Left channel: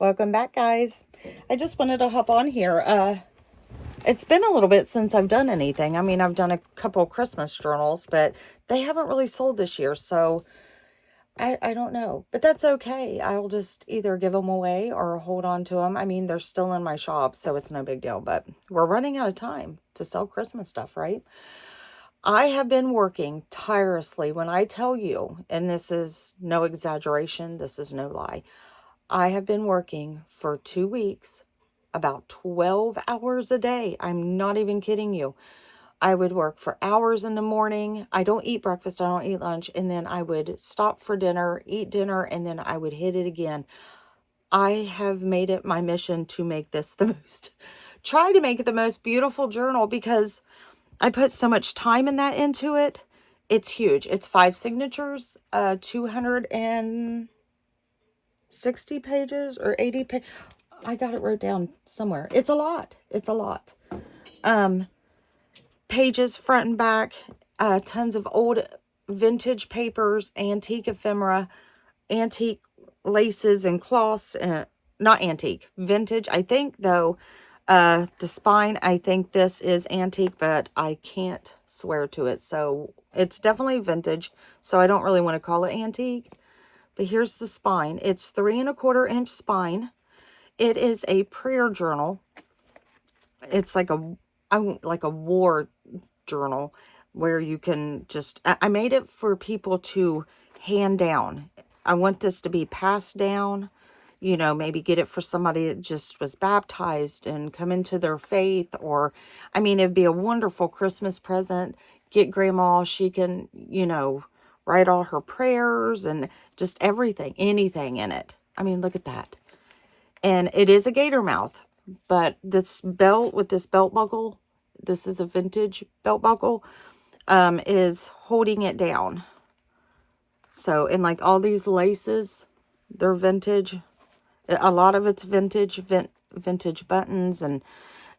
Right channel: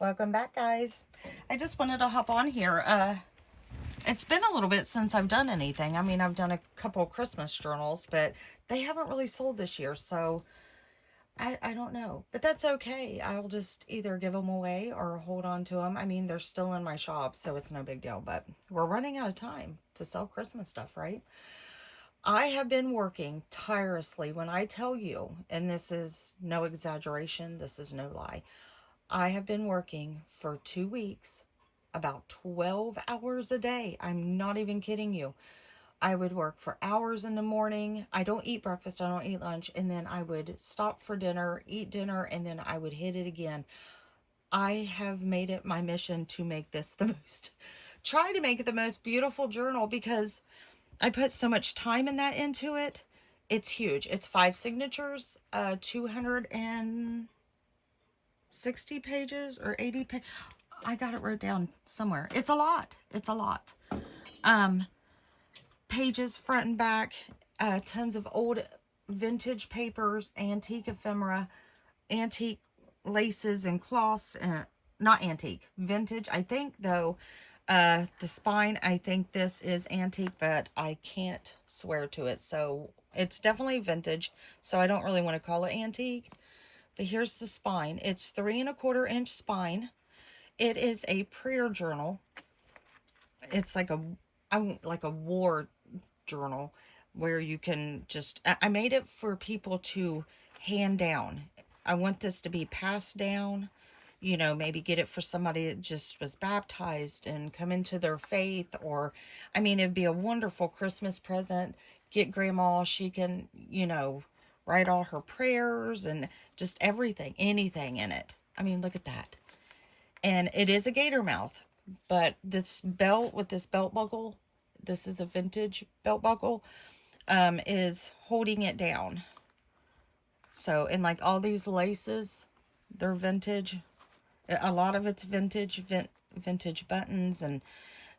Welcome back, guys. I just wanted to hop on here. It's been a little bit since I've done anything. I mean, I've done a couple Christmas journals, but they haven't really sold this year, so I don't know. But that's okay. I'll just either give them away or hold on to them. I mean, they're still in my shop, so it's no big deal, but we're running out of time to sell Christmas stuff, right? I have been working tirelessly. When I tell you, and this is no exaggeration, this is no lie, I have been working for 2 weeks about 12 hours a day. I'm not even kidding you. I would work for hours in the morning. I don't eat breakfast. I don't eat lunch. And then I would stop for dinner, eat dinner, and then I would hit it again. I have made it my mission to make this try to make it the most beautiful journal because I put so much time in that into it. It's huge. It's 5 signatures, 260 pages or 80 pages. I got it wrote down somewhere. It's a lot. It's a lot. Pages front and back, tons of old vintage papers, antique ephemera, antique laces and cloths, not antique, vintage. I think though, the spine, I think this is antique, but I can't swear to it. So it's definitely vintage. So I don't really want to call it antique, but here's the spine. It's 3¼ inch spine. It is a prayer journal. It's like a war journal where you can just, I made it for people to hand down. I want this to be passed down, you know, maybe get it for somebody that just was baptized and come into their faith, or, I mean, it'd be a wonderful Christmas present. Get grandma, she can, you know, write all her prayers and just everything, anything in it. I mean, look at that. And it is a gator mouth, but this belt with this belt buckle, this is a vintage belt buckle, is holding it down. So, and like all these laces, they're vintage. A lot of it's vintage, vintage buttons, and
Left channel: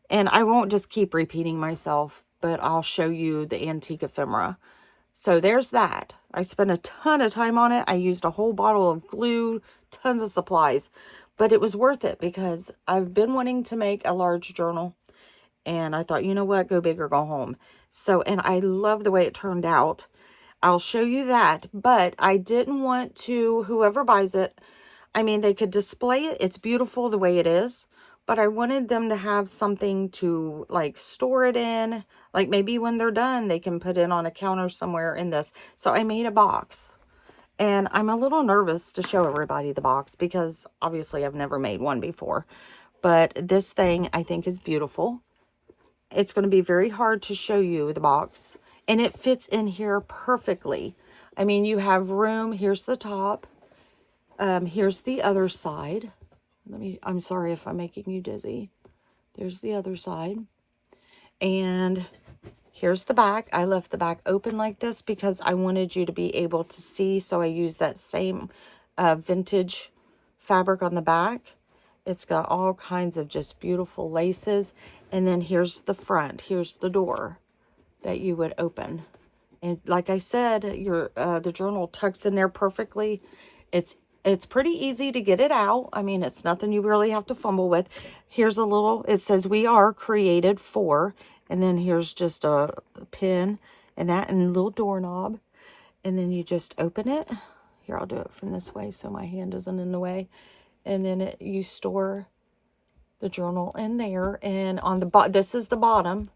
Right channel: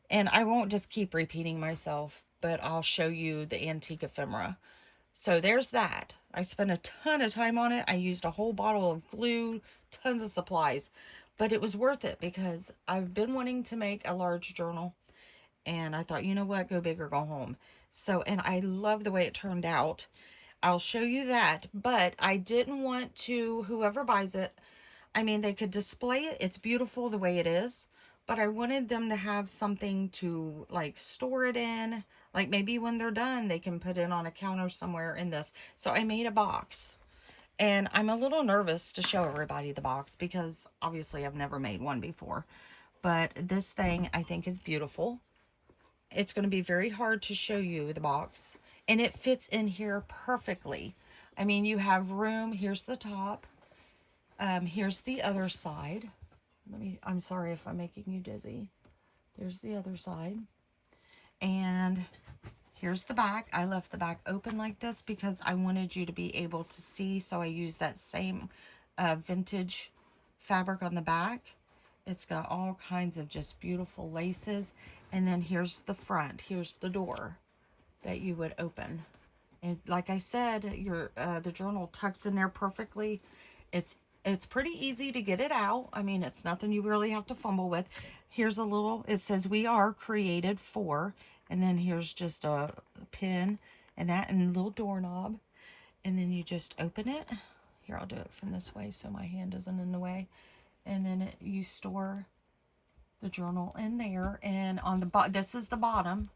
I won't just keep repeating myself, but I'll show you the antique ephemera. So there's that. I spent a ton of time on it. I used a whole bottle of glue, tons of supplies, but it was worth it because I've been wanting to make a large journal, and I thought, you know what, go big or go home. So, and I love the way it turned out. I'll show you that, but I didn't want to, whoever buys it, I mean, they could display it. It's beautiful the way it is, but I wanted them to have something to like store it in. Like maybe when they're done, they can put it on a counter somewhere in this. So I made a box, and I'm a little nervous to show everybody the box because obviously I've never made one before, but this thing I think is beautiful. It's going to be very hard to show you the box, and it fits in here perfectly. I mean, you have room. Here's the top. Here's the other side. I'm sorry if I'm making you dizzy. There's the other side. And here's the back. I left the back open like this because I wanted you to be able to see. So I used that same vintage fabric on the back. It's got all kinds of just beautiful laces. And then here's the front. Here's the door that you would open. And like I said, the journal tucks in there perfectly. It's pretty easy to get it out. I mean, it's nothing you really have to fumble with. Here's a little, it says we are created for, and then here's just a pin and that and a little doorknob. And then you just open it. Here, I'll do it from this way so my hand isn't in the way. And then you store the journal in there. And on the this is the bottom.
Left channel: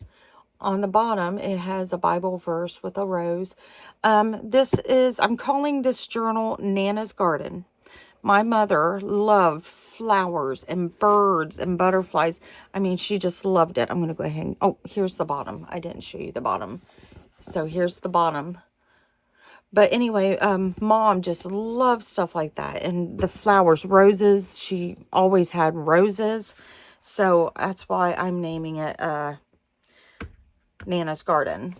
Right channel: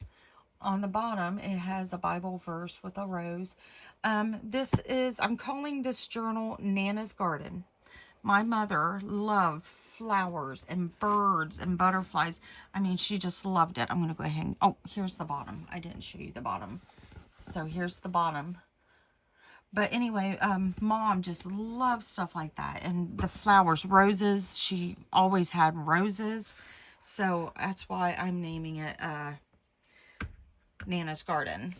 On the bottom, it has a Bible verse with a rose. I'm calling this journal Nana's Garden. My mother loved flowers and birds and butterflies. I mean, she just loved it. I'm going to go ahead and, oh, here's the bottom. I didn't show you the bottom. So here's the bottom. But anyway, Mom just loves stuff like that. And the flowers, roses, she always had roses. So that's why I'm naming it Nana's Garden.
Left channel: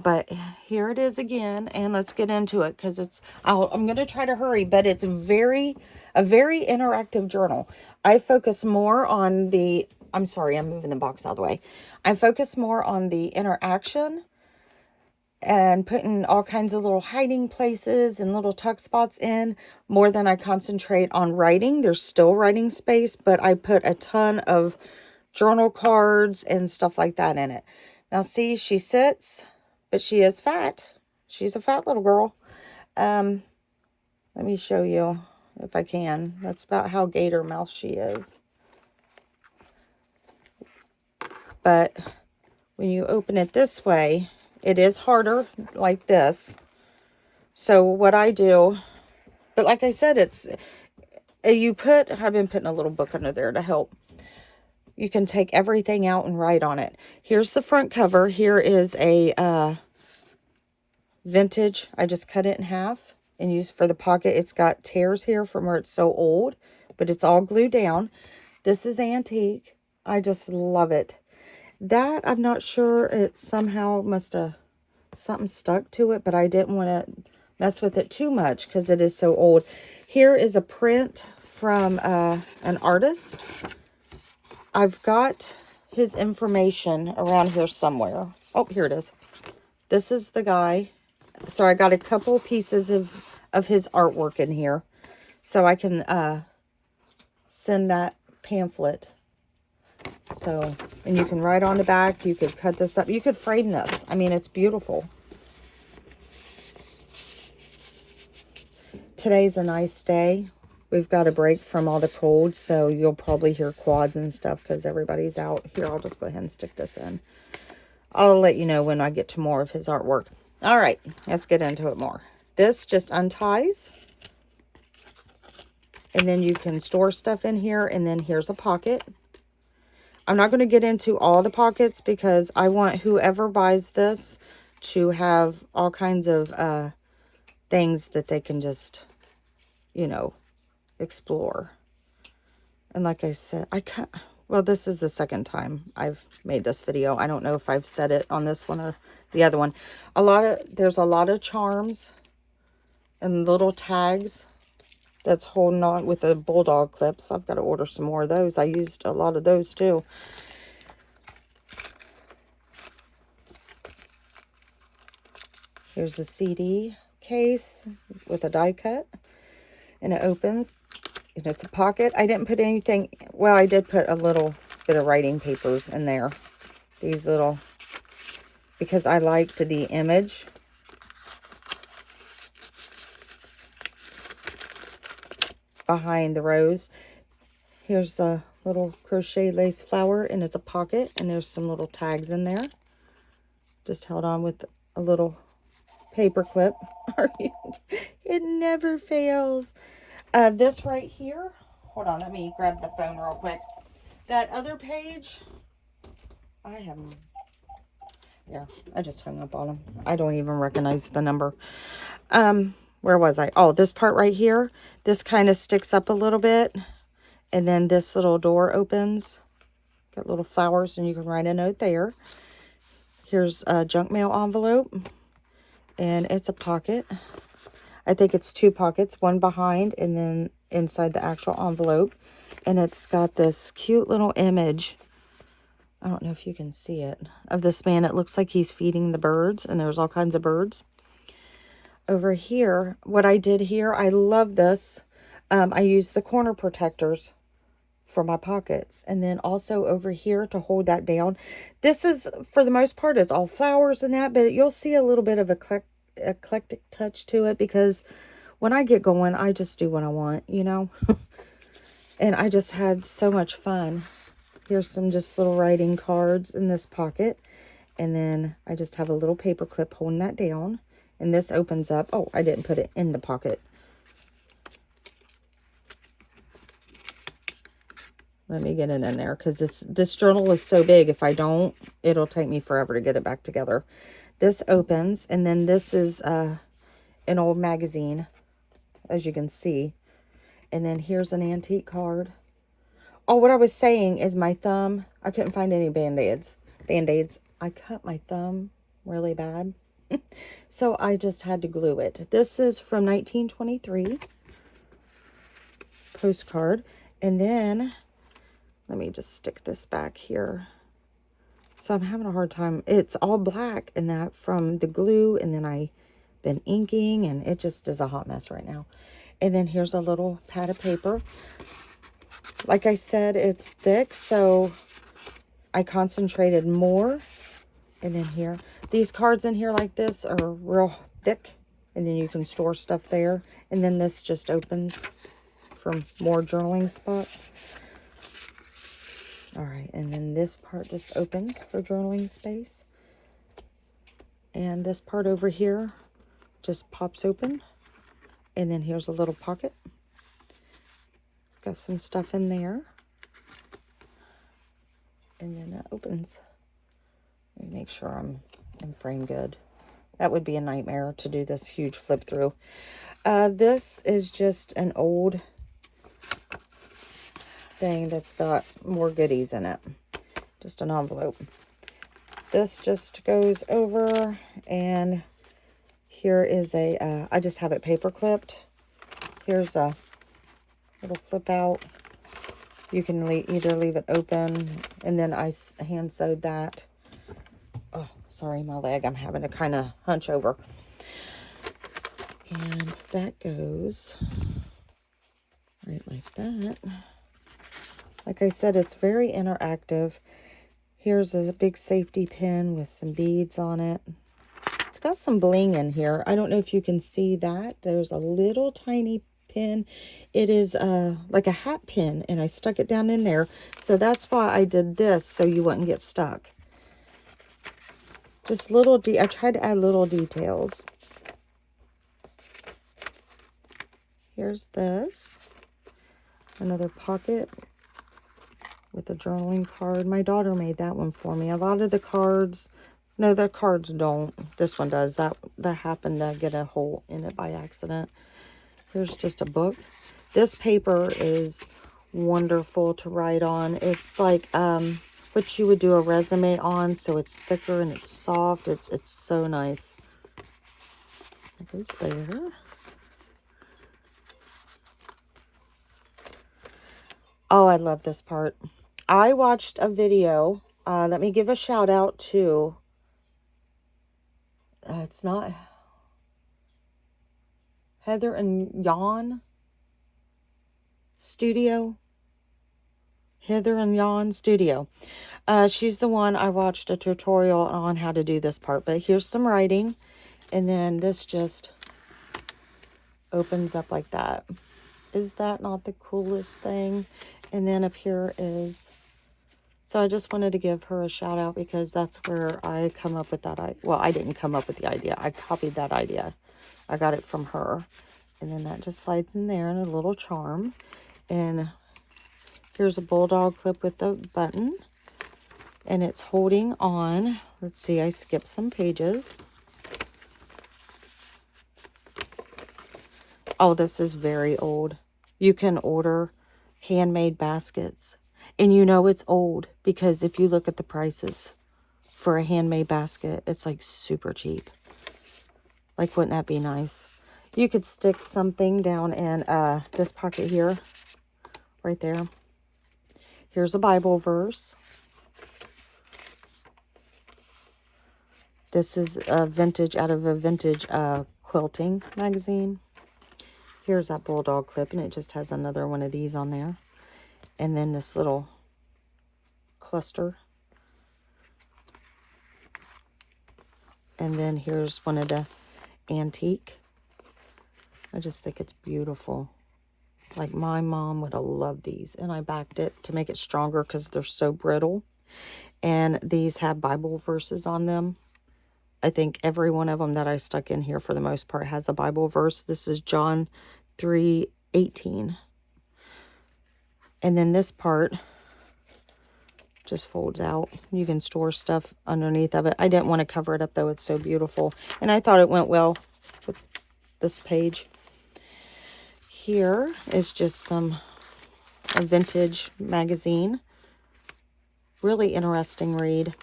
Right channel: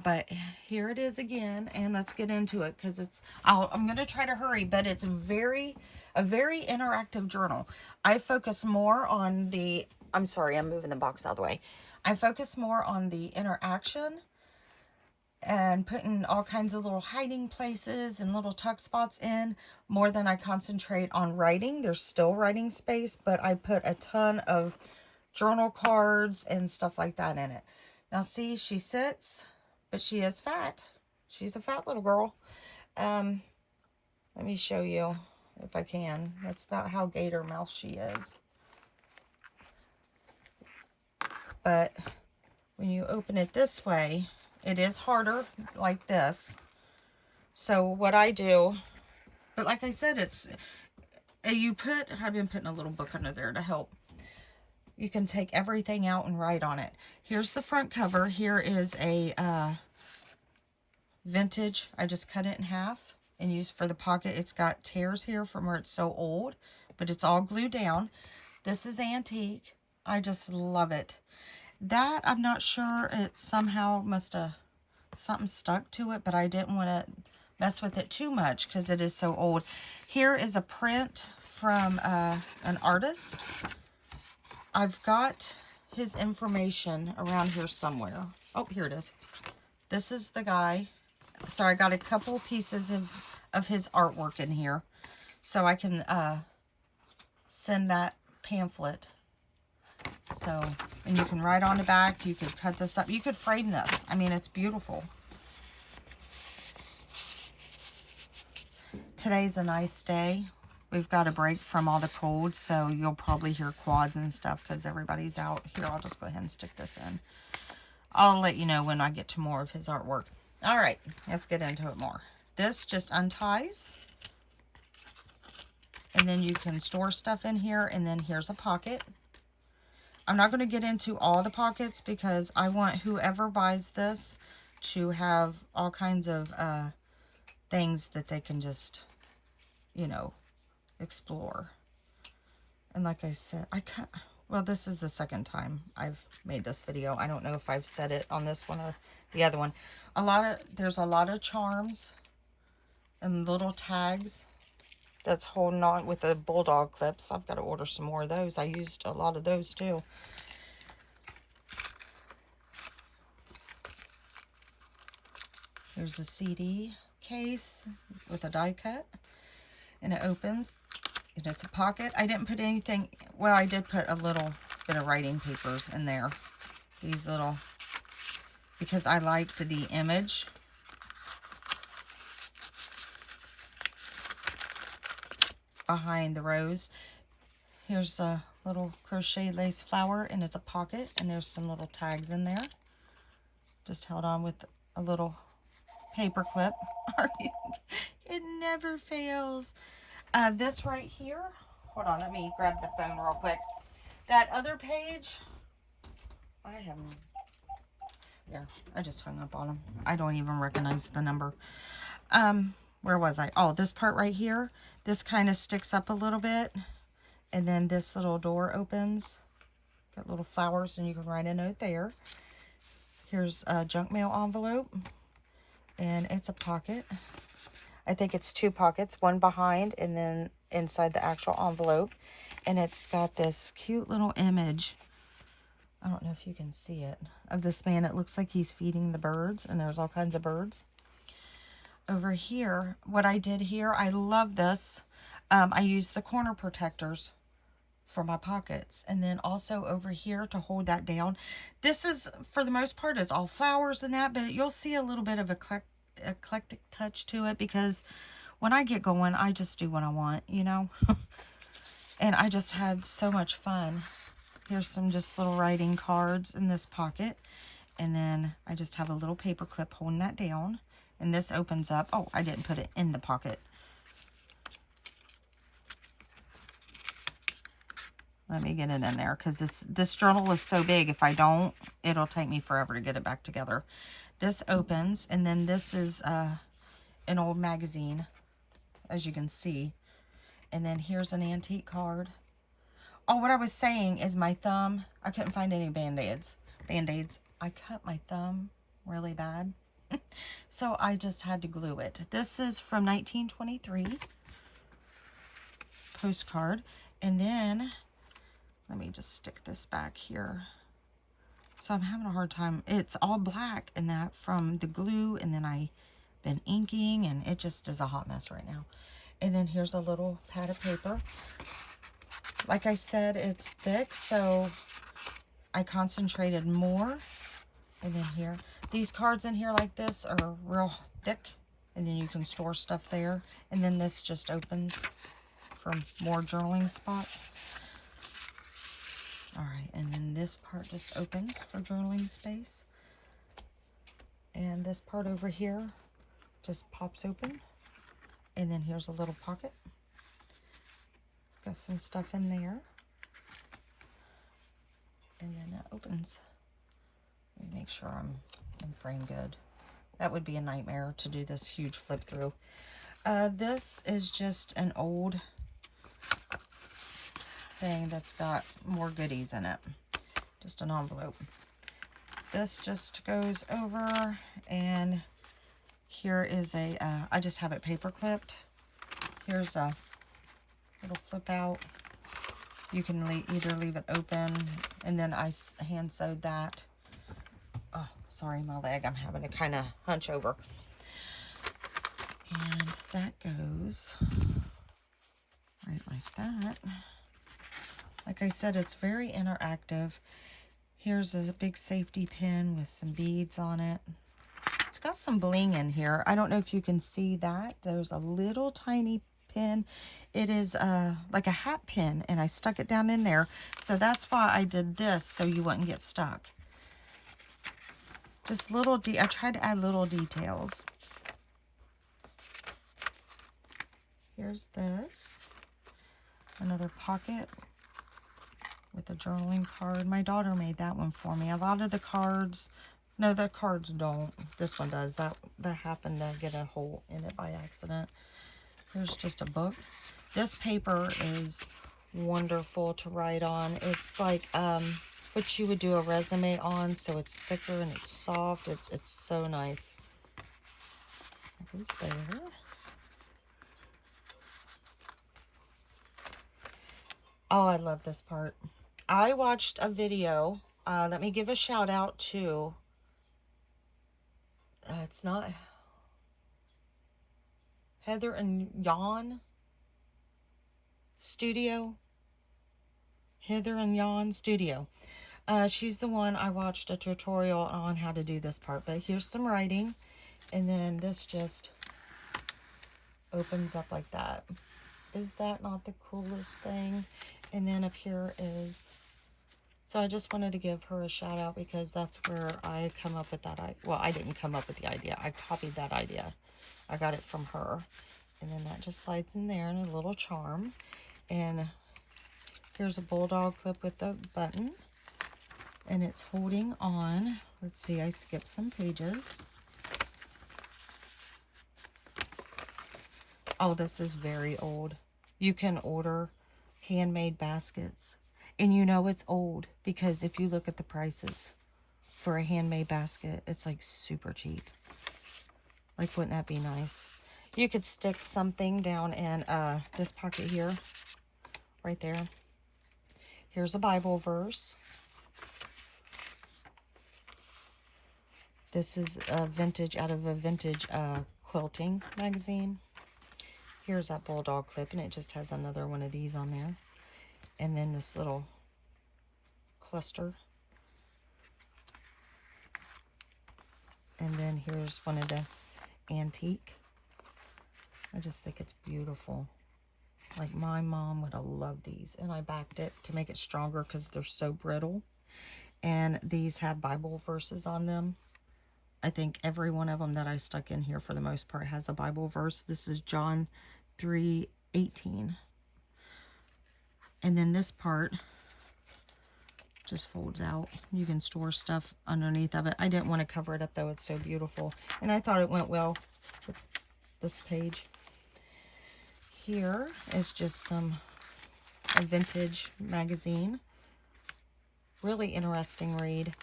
But here it is again, and let's get into it because I'm going to try to hurry, but it's a very interactive journal. I focus more on I'm sorry, I'm moving the box out of the way. I focus more on the interaction and putting all kinds of little hiding places and little tuck spots in more than I concentrate on writing. There's still writing space, but I put a ton of journal cards and stuff like that in it. Now see, she sits, but she is fat. She's a fat little girl. Let me show you if I can. That's about how gator mouth she is. But when you open it this way, it is harder like this. So what I do, but like I said, it's, I've been putting a little book under there to help. You can take everything out and write on it. Here's the front cover. Here is a vintage. I just cut it in half and used for the pocket. It's got tears here from where it's so old, but it's all glued down. This is antique. I just love it. That, I'm not sure, it somehow must have something stuck to it, but I didn't want to mess with it too much because it is so old. Here is a print from an artist. I've got his information around here somewhere. Oh, here it is. This is the guy. So I got a couple pieces of his artwork in here. So I can send that pamphlet. So, and you can write on the back. You could cut this up. You could frame this. I mean, it's beautiful. Today's a nice day. We've got a break from all the cold, so you'll probably hear quads and stuff because everybody's out. Here, I'll just go ahead and stick this in. I'll let you know when I get to more of his artwork. All right, let's get into it more. This just unties. And then you can store stuff in here. And then here's a pocket. I'm not going to get into all the pockets because I want whoever buys this to have all kinds of things that they can just, you know, explore. And like I said, well, this is the second time I've made this video. I don't know if I've said it on this one or the other one. There's a lot of charms and little tags that's holding on with the bulldog clips. I've got to order some more of those. I used a lot of those too. Here's a CD case with a die cut, and it opens, and it's a pocket. I didn't put anything, well, I did put a little bit of writing papers in there. These little, because I liked the image. Behind the rose. Here's a little crochet lace flower, and it's a pocket, and there's some little tags in there. Just held on with a little paper clip. It never fails. This right here, hold on, let me grab the phone real quick. That other page, there, I just hung up on them. I don't even recognize the number. Where was I? Oh, this part right here, this kind of sticks up a little bit, and then this little door opens. Got little flowers, and you can write a note there. Here's a junk mail envelope, and it's a pocket. I think it's two pockets, one behind and then inside the actual envelope. And it's got this cute little image, I don't know if you can see it, of this man. It looks like he's feeding the birds, and there's all kinds of birds. Over here, what I did here, I love this. I used the corner protectors for my pockets, and then also over here to hold that down. This is, for the most part, it's all flowers and that, but you'll see a little bit of eclectic touch to it because when I get going, I just do what I want, you know. And I just had so much fun. Here's some just little writing cards in this pocket, and then I just have a little paper clip holding that down. And this opens up. Oh, I didn't put it in the pocket. Let me get it in there because this journal is so big. If I don't, it'll take me forever to get it back together. This opens, and then this is an old magazine, as you can see. And then here's an antique card. Oh, what I was saying is my thumb, I couldn't find any Band-Aids. I cut my thumb really bad. So I just had to glue it. This is from 1923. Postcard. And then, let me just stick this back here. So I'm having a hard time. It's all black and that from the glue, and then I've been inking, and it just is a hot mess right now. And then here's a little pad of paper. Like I said, it's thick, so I concentrated more. And then here, these cards in here like this are real thick, and then you can store stuff there. And then this just opens for more journaling spot. All right, and then this part just opens for journaling space. And this part over here just pops open. And then here's a little pocket. Got some stuff in there. And then that opens. Let me make sure I'm in frame good. That would be a nightmare to do this huge flip through. This is just an old thing that's got more goodies in it. Just an envelope. This just goes over, and here is a, I just have it paper clipped. Here's a little flip out. You can either leave it open, and then I hand sewed that. Oh, sorry, my leg. I'm having to kind of hunch over. And that goes right like that. Like I said, it's very interactive. Here's a big safety pin with some beads on it. It's got some bling in here. I don't know if you can see that. There's a little tiny pin. It is like a hat pin, and I stuck it down in there. So that's why I did this, so you wouldn't get stuck. Just little, I tried to add little details. Here's this. Another pocket with a journaling card. My daughter made that one for me. A lot of the cards, no, the cards don't. This one does. That happened to get a hole in it by accident. Here's just a book. This paper is wonderful to write on. It's like what you would do a resume on, so it's thicker and it's soft. It's so nice. It goes there. Oh, I love this part. I watched a video. Let me give a shout out to, it's not Heather and Jan Studio. Heather and Jan Studio. She's the one I watched a tutorial on how to do this part. But here's some writing. And then this just opens up like that. Is that not the coolest thing? And then up here is, so I just wanted to give her a shout out because that's where I come up with that idea. Well, I didn't come up with the idea. I copied that idea. I got it from her. And then that just slides in there in a little charm. And here's a bulldog clip with a button. And it's holding on. Let's see, I skipped some pages. Oh, this is very old. You can order handmade baskets. And you know it's old because if you look at the prices for a handmade basket, it's like super cheap. Like, wouldn't that be nice? You could stick something down in this pocket here, right there. Here's a Bible verse. This is a vintage, out of a vintage quilting magazine. Here's that bulldog clip, and it just has another one of these on there. And then this little cluster. And then here's one of the antique. I just think it's beautiful. Like, my mom would have loved these. And I backed it to make it stronger because they're so brittle. And these have Bible verses on them. I think every one of them that I stuck in here for the most part has a Bible verse. This is John 3:18. And then this part just folds out. You can store stuff underneath of it. I didn't want to cover it up though. It's so beautiful. And I thought it went well with this page. Here is just a vintage magazine. Really interesting read.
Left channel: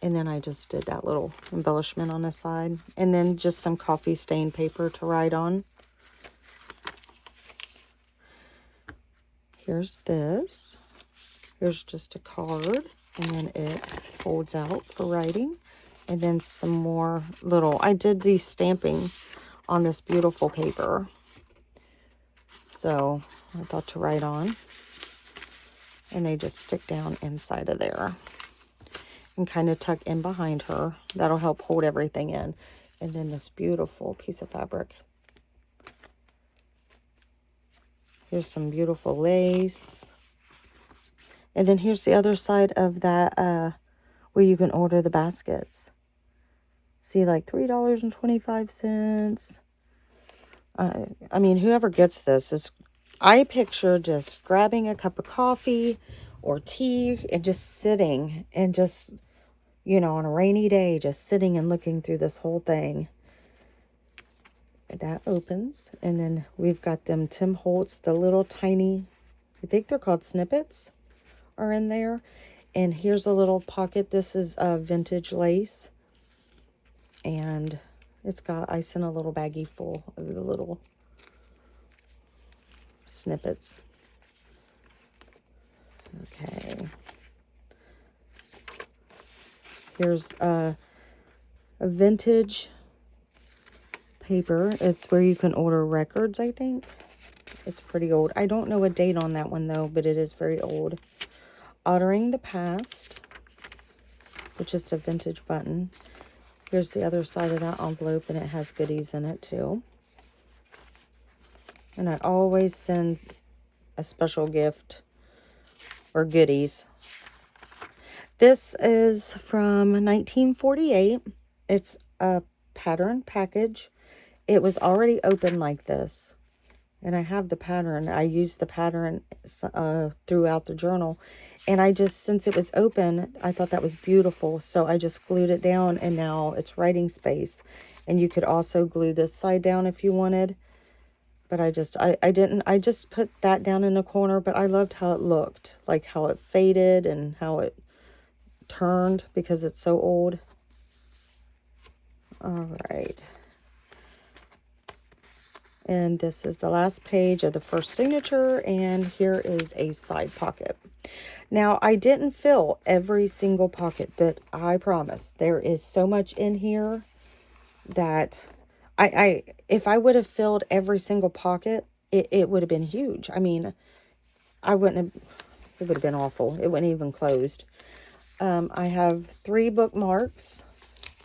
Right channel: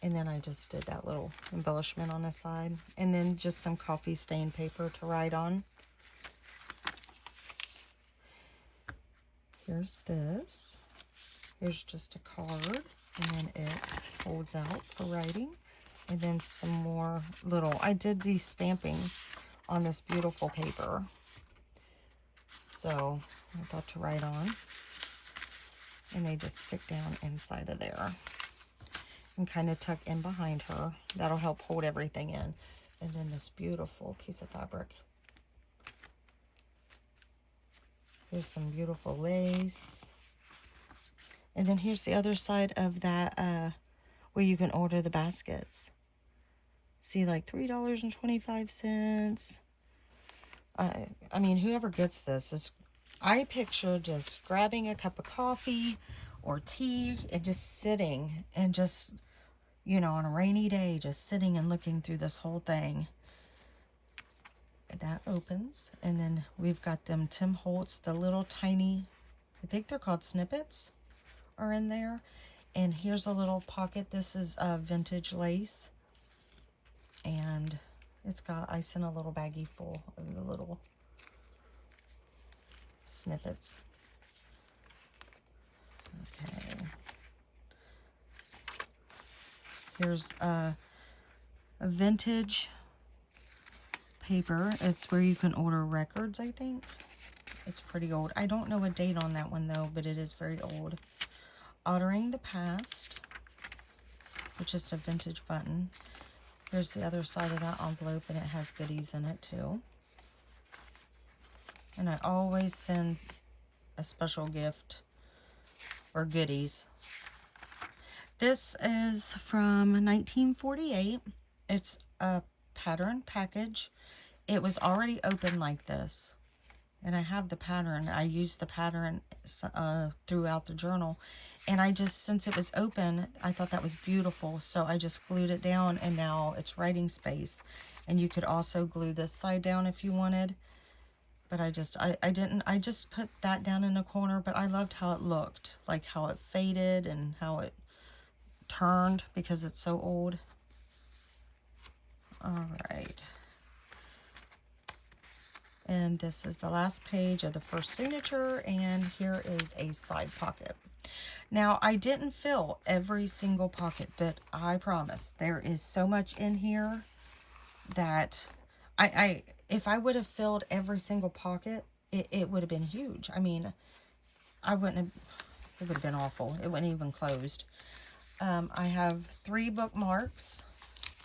And then I just did that little embellishment on the side. And then just some coffee stain paper to write on. Here's this. Here's just a card. And then it folds out for writing. And then some more little, I did the stamping on this beautiful paper. So I thought to write on. And they just stick down inside of there. And kind of tuck in behind her. That'll help hold everything in. And then this beautiful piece of fabric. Here's some beautiful lace. And then here's the other side of that where you can order the baskets. See, like $3.25. I mean, whoever gets this is, I picture just grabbing a cup of coffee or tea and just sitting and just, you know, on a rainy day, just sitting and looking through this whole thing. That opens, and then we've got them Tim Holtz, the little tiny, I think they're called snippets, are in there. And here's a little pocket. This is a vintage lace, and it's got, I sent a little baggie full of the little snippets. Okay. Here's a vintage paper. It's where you can order records, I think. It's pretty old. I don't know a date on that one, though, but it is very old. Honoring the Past, which is a vintage button. Here's the other side of that envelope, and it has goodies in it, too. And I always send a special gift or goodies. This is from 1948. It's a pattern package. It was already open like this. And I have the pattern. I used the pattern throughout the journal. And I just, since it was open, I thought that was beautiful. So I just glued it down, and now it's writing space. And you could also glue this side down if you wanted. But I didn't. I just put that down in the corner. But I loved how it looked. Like how it faded and how it turned because it's so old. All right. And this is the last page of the first signature, and here is a side pocket. Now, I didn't fill every single pocket, but I promise there is so much in here that if I would have filled every single pocket, it would have been huge. I mean, it would have been awful. It wouldn't even closed. I have 3 bookmarks,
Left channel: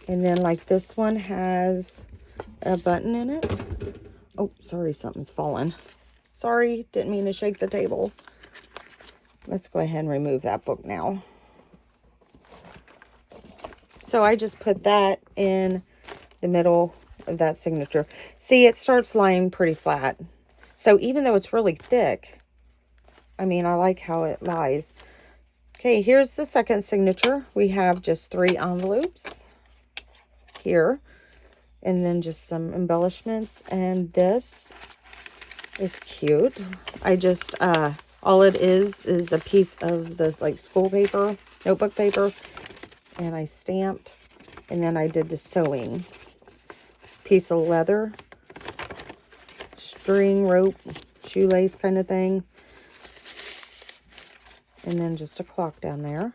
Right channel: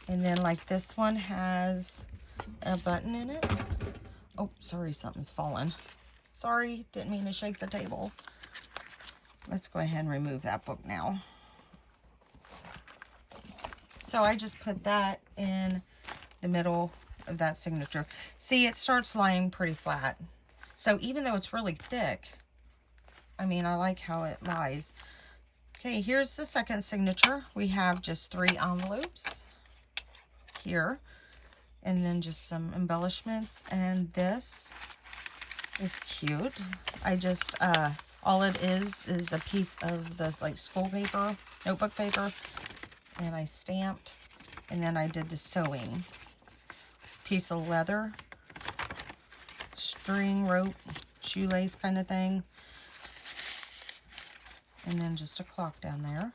and then like this one has a button in it. Oh, sorry, something's fallen. Sorry, didn't mean to shake the table. Let's go ahead and remove that book now. So I just put that in the middle of that signature. See, it starts lying pretty flat. So even though it's really thick, I mean, I like how it lies. Okay, here's the second signature. We have just 3 envelopes here. And then just some embellishments. And this is cute. I just, all it is a piece of the like school paper, notebook paper. And I stamped. And then I did the sewing. Piece of leather. String, rope, shoelace kind of thing. And then just a clock down there.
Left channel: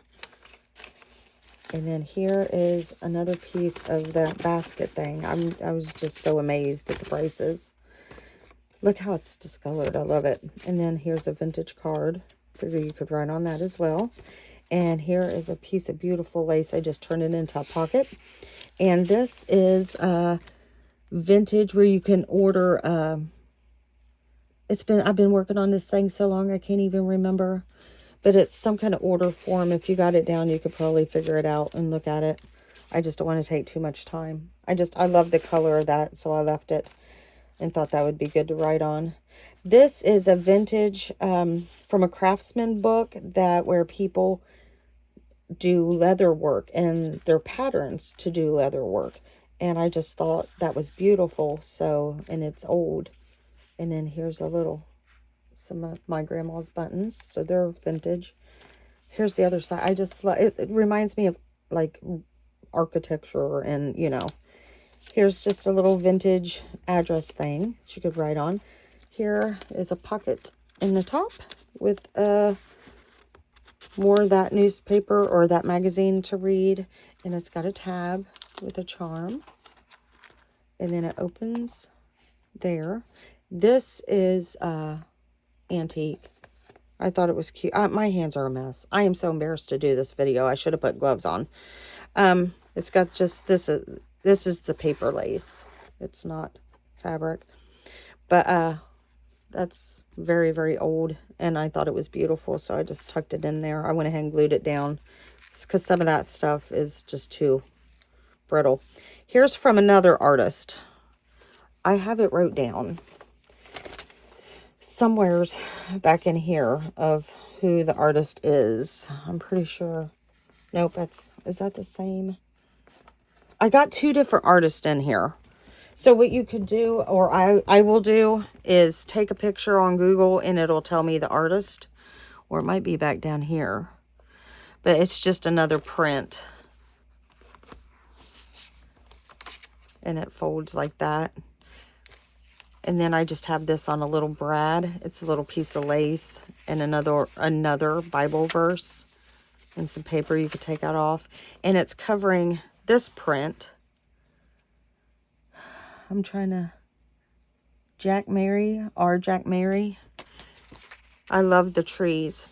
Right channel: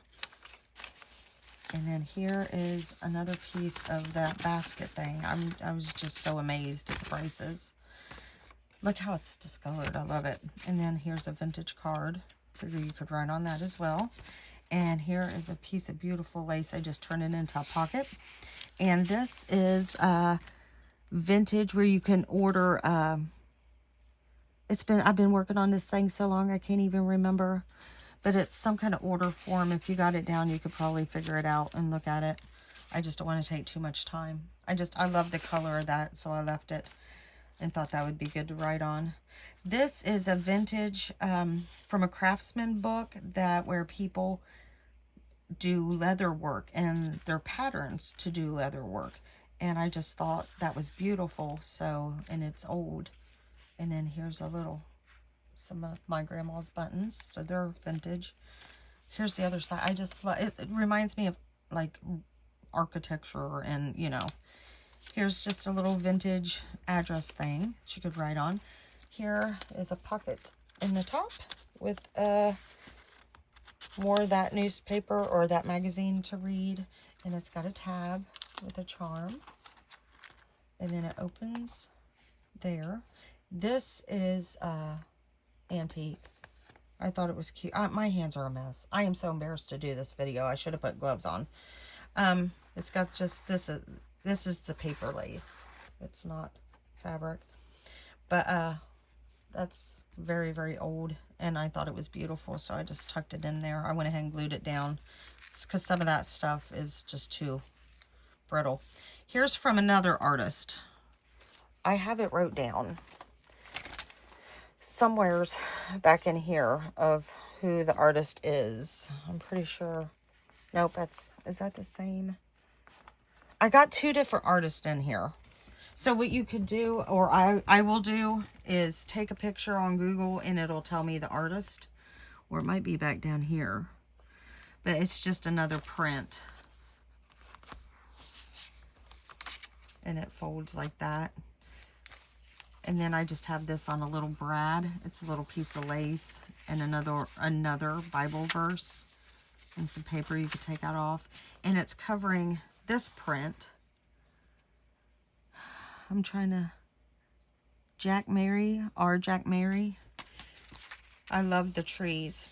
And then here is another piece of that basket thing. I was just so amazed at the prices. Look how it's discolored. I love it. And then here's a vintage card. Figure you could write on that as well. And here is a piece of beautiful lace. I just turned it into a pocket. And this is vintage where you can order. I've been working on this thing so long I can't even remember. But it's some kind of order form. If you got it down, you could probably figure it out and look at it. I just don't want to take too much time. I love the color of that, so I left it and thought that would be good to write on. This is a vintage from a craftsman book where people do leather work and their patterns to do leather work. And I just thought that was beautiful. So, and it's old. And then here's a little, some of my grandma's buttons, so they're vintage. Here's the other side. I just love it. It reminds me of like architecture, and you know, here's just a little vintage address thing she could write on. Here is a pocket in the top with a more of that newspaper or that magazine to read. And it's got a tab with a charm. And then it opens there. This is antique. I thought it was cute. My hands are a mess. I am so embarrassed to do this video. I should have put gloves on. It's got just this is the paper lace. It's not fabric. But that's very, very old, and I thought it was beautiful, so I just tucked it in there. I went ahead and glued it down because some of that stuff is just too brittle. Here's from another artist. I have it wrote down somewheres back in here of who the artist is. I'm pretty sure. Nope, is that the same? I got two different artists in here. So what you could do, or I will do, is take a picture on Google and it'll tell me the artist. Or it might be back down here. But it's just another print. And it folds like that. And then I just have this on a little brad. It's a little piece of lace and another Bible verse. And some paper you could take that off. And it's covering this print. I'm trying to... Jack Mary. I love the trees.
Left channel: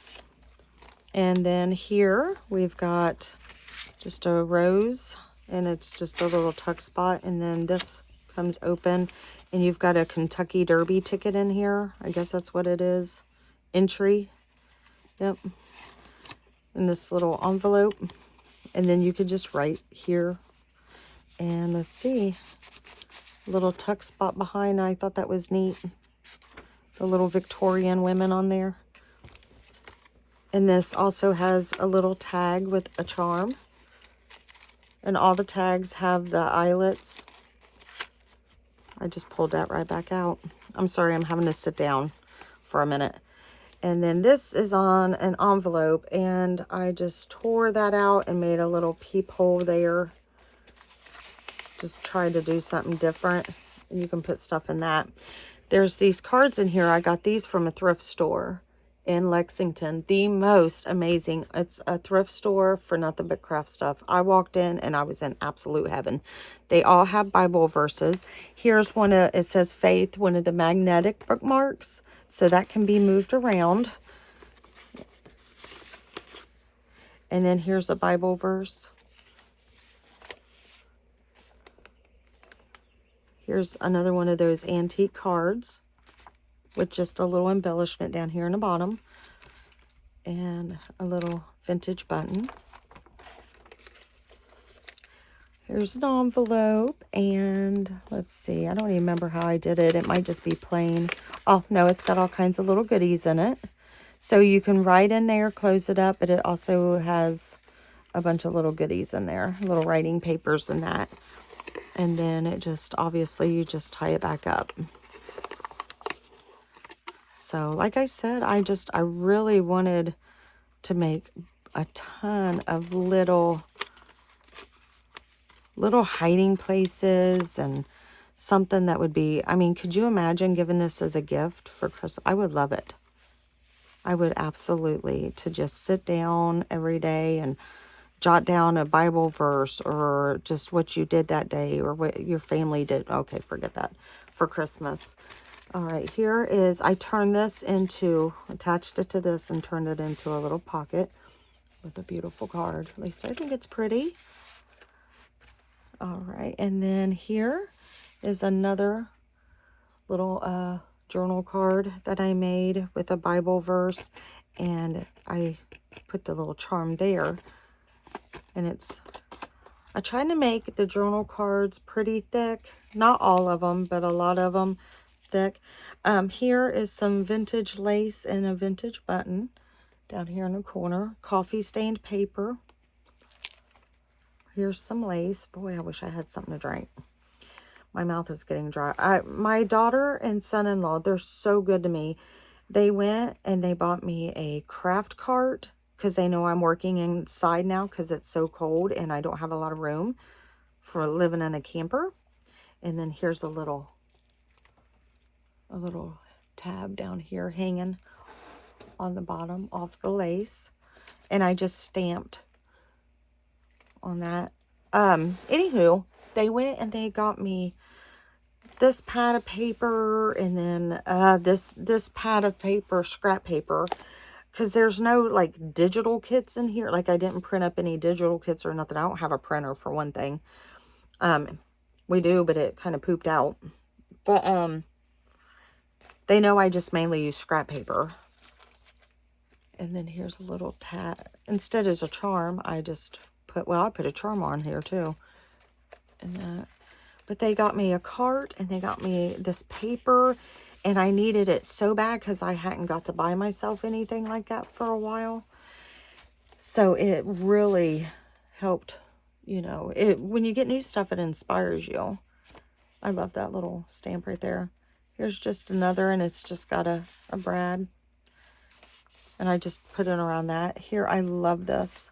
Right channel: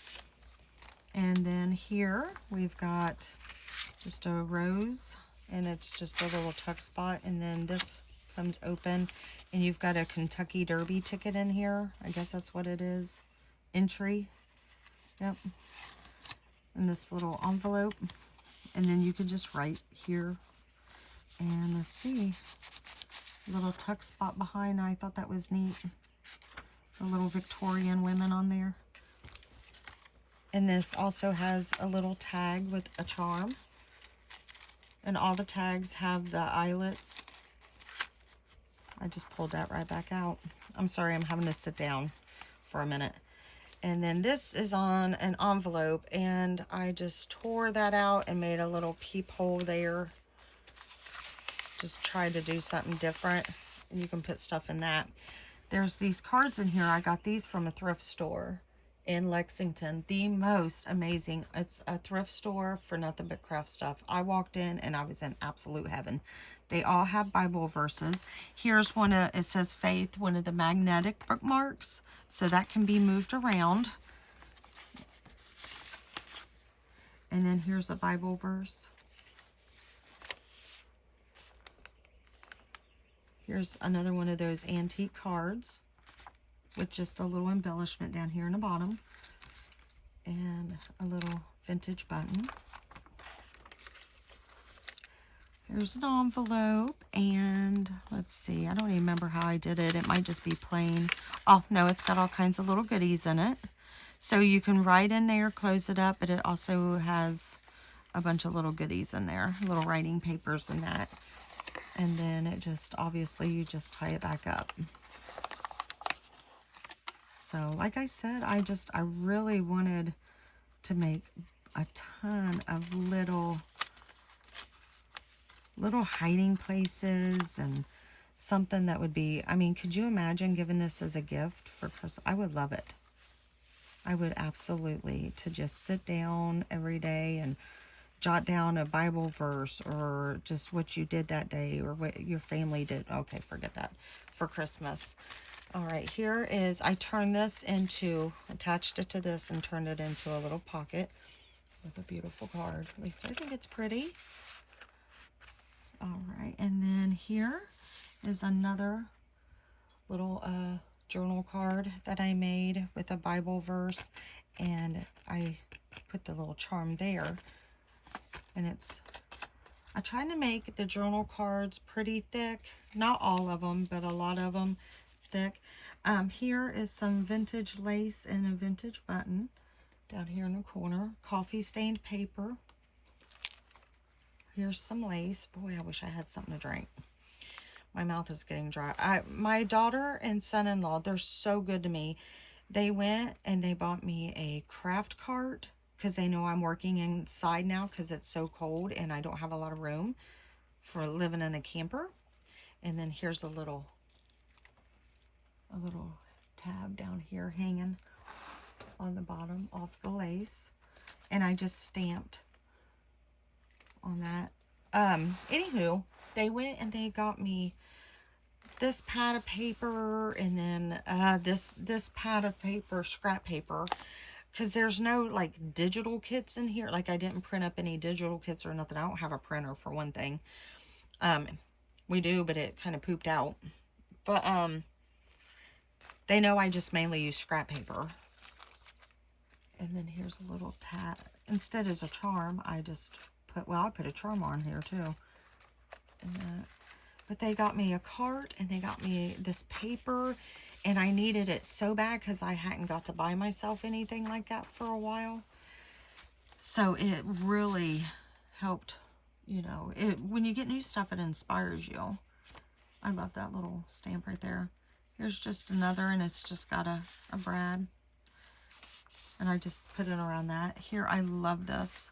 And then here we've got just a rose. And it's just a little tuck spot. And then this comes open. And you've got a Kentucky Derby ticket in here. I guess that's what it is. Entry. Yep. In this little envelope. And then you could just write here. And let's see. Little tuck spot behind. I thought that was neat. The little Victorian women on there. And this also has a little tag with a charm. And all the tags have the eyelets. I just pulled that right back out. I'm sorry, I'm having to sit down for a minute. And then this is on an envelope. And I just tore that out and made a little peephole there. Just tried to do something different. And you can put stuff in that. There's these cards in here. I got these from a thrift store in Lexington. The most amazing. It's a thrift store for nothing but craft stuff. I walked in and I was in absolute heaven. They all have Bible verses. Here's one. It says faith, one of the magnetic bookmarks. So that can be moved around. And then here's a Bible verse. Here's another one of those antique cards with just a little embellishment down here in the bottom and a little vintage button. Here's an envelope, and let's see, I don't even remember how I did it. It might just be plain. Oh, no, it's got all kinds of little goodies in it. So you can write in there, close it up, but it also has a bunch of little goodies in there, little writing papers and that. And then it just, obviously, you just tie it back up. So, like I said, I really wanted to make a ton of little hiding places and something that would be, I mean, could you imagine giving this as a gift for Christmas? I would love it. I would absolutely, to just sit down every day and jot down a Bible verse or just what you did that day or what your family did. Okay, forget that. For Christmas. All right, here is, I turned this into, attached it to this and turned it into a little pocket with a beautiful card. At least I think it's pretty. All right, and then here is another little journal card that I made with a Bible verse. And I put the little charm there. And I tried to make the journal cards pretty thick. Not all of them, but a lot of them thick. Here is some vintage lace and a vintage button down here in the corner. Coffee stained paper. Here's some lace. Boy, I wish I had something to drink. My mouth is getting dry. My daughter and son-in-law, they're so good to me. They went and they bought me a craft cart, because they know I'm working inside now because it's so cold and I don't have a lot of room for living in a camper. And then here's a little tab down here hanging on the bottom off the lace. And I just stamped on that. Anywho, they went and they got me this pad of paper, and then this pad of paper, scrap paper, because there's no like digital kits in here. Like I didn't print up any digital kits or nothing. I don't have a printer for one thing. We do, but it kind of pooped out. But they know I just mainly use scrap paper. And then here's a little tat. Instead as a charm, I just put, well, I put a charm on here too. And that. But they got me a cart, and they got me this paper, and I needed it so bad because I hadn't got to buy myself anything like that for a while. So it really helped, you know, when you get new stuff, it inspires you. I love that little stamp right there. Here's just another, and it's just got a brad. And I just put it around that. Here, I love this.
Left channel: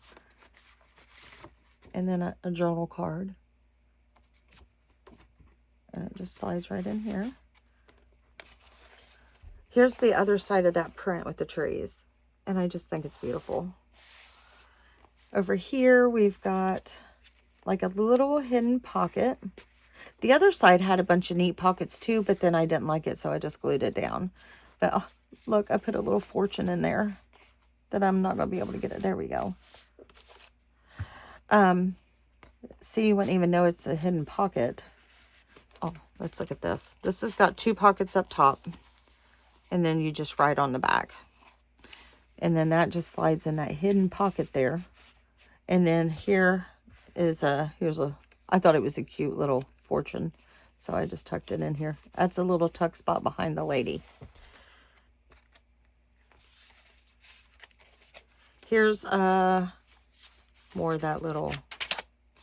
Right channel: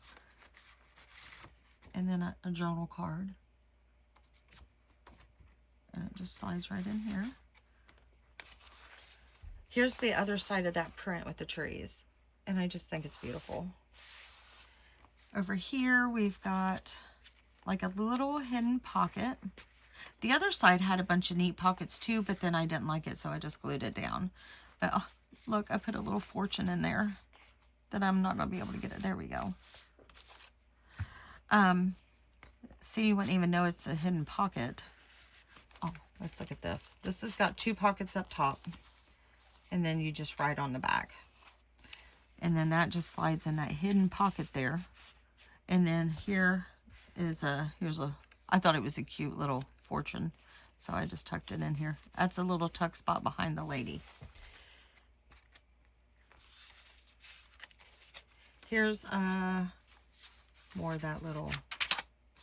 And then a journal card. And it just slides right in here. Here's the other side of that print with the trees. And I just think it's beautiful. Over here, we've got like a little hidden pocket. The other side had a bunch of neat pockets too, but then I didn't like it, so I just glued it down. But oh, look, I put a little fortune in there that I'm not going to be able to get it. There we go. See, you wouldn't even know it's a hidden pocket. Oh, let's look at this. This has got 2 pockets up top, and then you just write on the back. And then that just slides in that hidden pocket there. And then here is I thought it was a cute little fortune, so I just tucked it in here. That's a little tuck spot behind the lady. Here's more of that little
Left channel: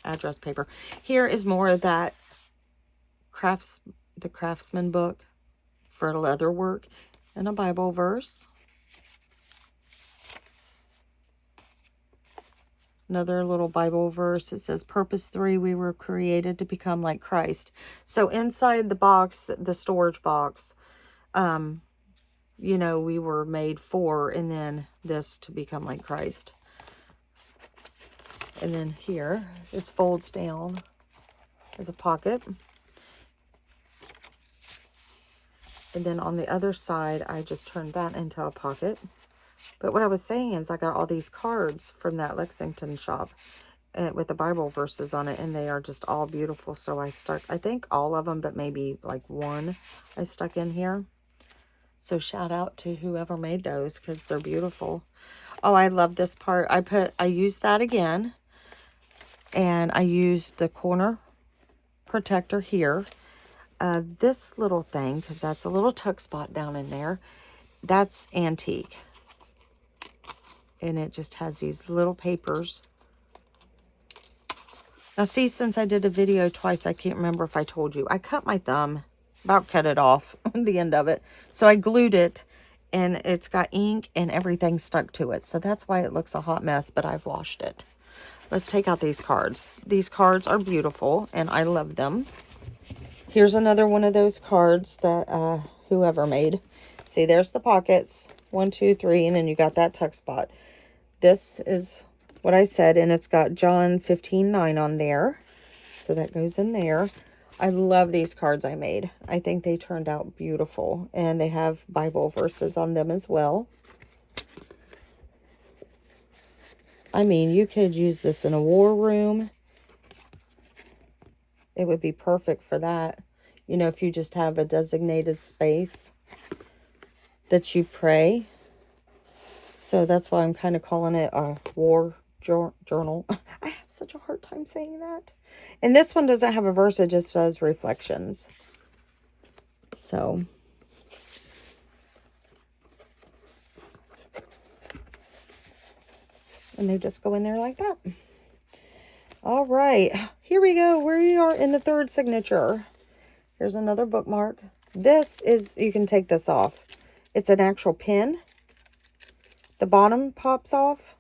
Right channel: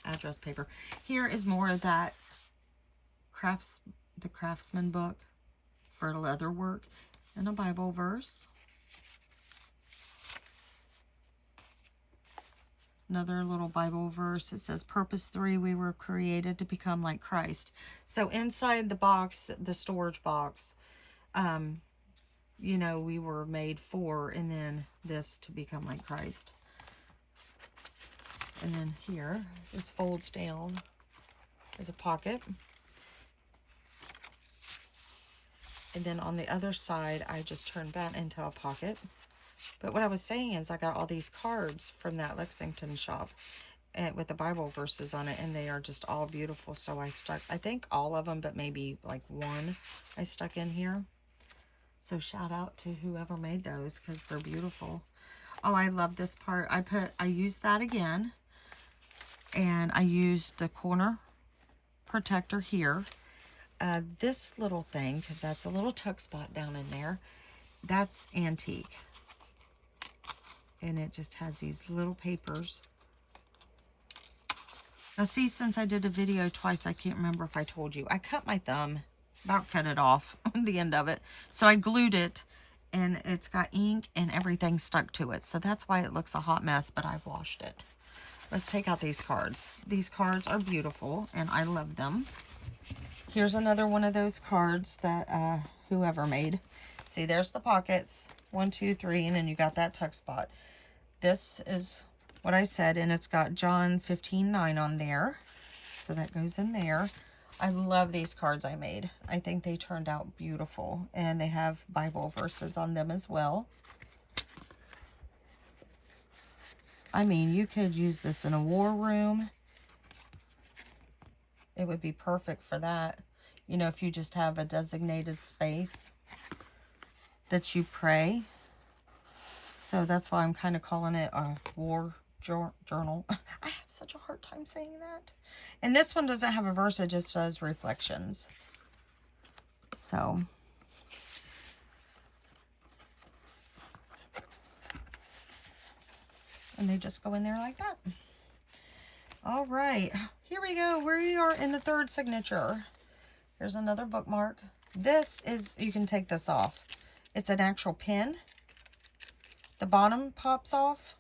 address paper. Here is more of that the Craftsman book for leather work, and a Bible verse. Another little Bible verse. It says, Purpose 3, we were created to become like Christ. So inside the box, the storage box, you know, we were made for, and then this to become like Christ. And then here, this folds down as a pocket. And then on the other side, I just turned that into a pocket. But what I was saying is I got all these cards from that Lexington shop and with the Bible verses on it, and they are just all beautiful. So I stuck, I think all of them, but maybe like one I stuck in here. So shout out to whoever made those, because they're beautiful. Oh, I love this part. I used that again, and I used the corner protector here. This little thing, because that's a little tuck spot down in there, that's antique. And it just has these little papers. Now see, since I did a video twice, I can't remember if I told you. I cut my thumb, about cut it off, the end of it. So I glued it, and it's got ink and everything stuck to it. So that's why it looks a hot mess, but I've washed it. Let's take out these cards. These cards are beautiful, and I love them. Here's another one of those cards that whoever made. See, there's the pockets. 1, 2, 3, and then you got that tuck spot. This is what I said, and it's got John 15:9 on there. So that goes in there. I love these cards I made. I think they turned out beautiful, and they have Bible verses on them as well. I mean, you could use this in a war room. It would be perfect for that. You know, if you just have a designated space that you pray. So that's why I'm kind of calling it a war journal. I have such a hard time saying that. And this one doesn't have a verse. It just says reflections. So. And they just go in there like that. All right. Here we go. We are in the 3rd signature. Here's another bookmark. This is, you can take this off. It's an actual pin. The bottom pops off,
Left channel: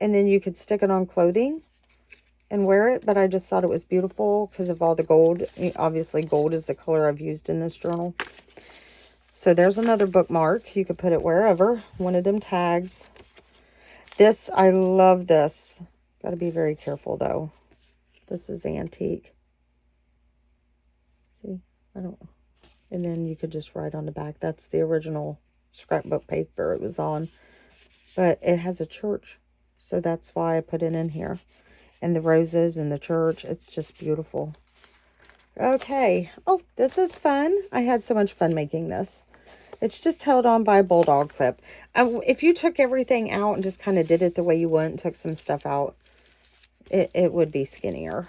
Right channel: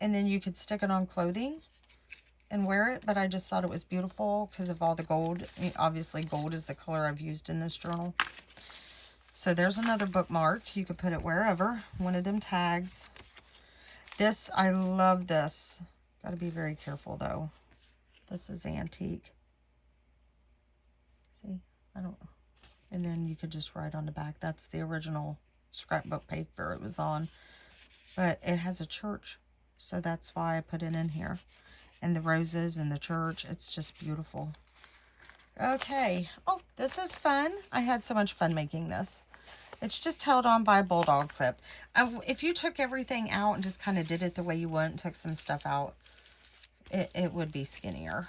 and then you could stick it on clothing and wear it, but I just thought it was beautiful because of all the gold. Obviously, gold is the color I've used in this journal. So there's another bookmark. You could put it wherever. One of them tags. This, I love this. Got to be very careful though. This is antique. See, I don't, and then you could just write on the back. That's the original scrapbook paper it was on. But it has a church, so that's why I put it in here. And the roses and the church, it's just beautiful. Okay. Oh, this is fun. I had so much fun making this. It's just held on by a bulldog clip. If you took everything out and just kind of did it the way you want, took some stuff out, it would be skinnier.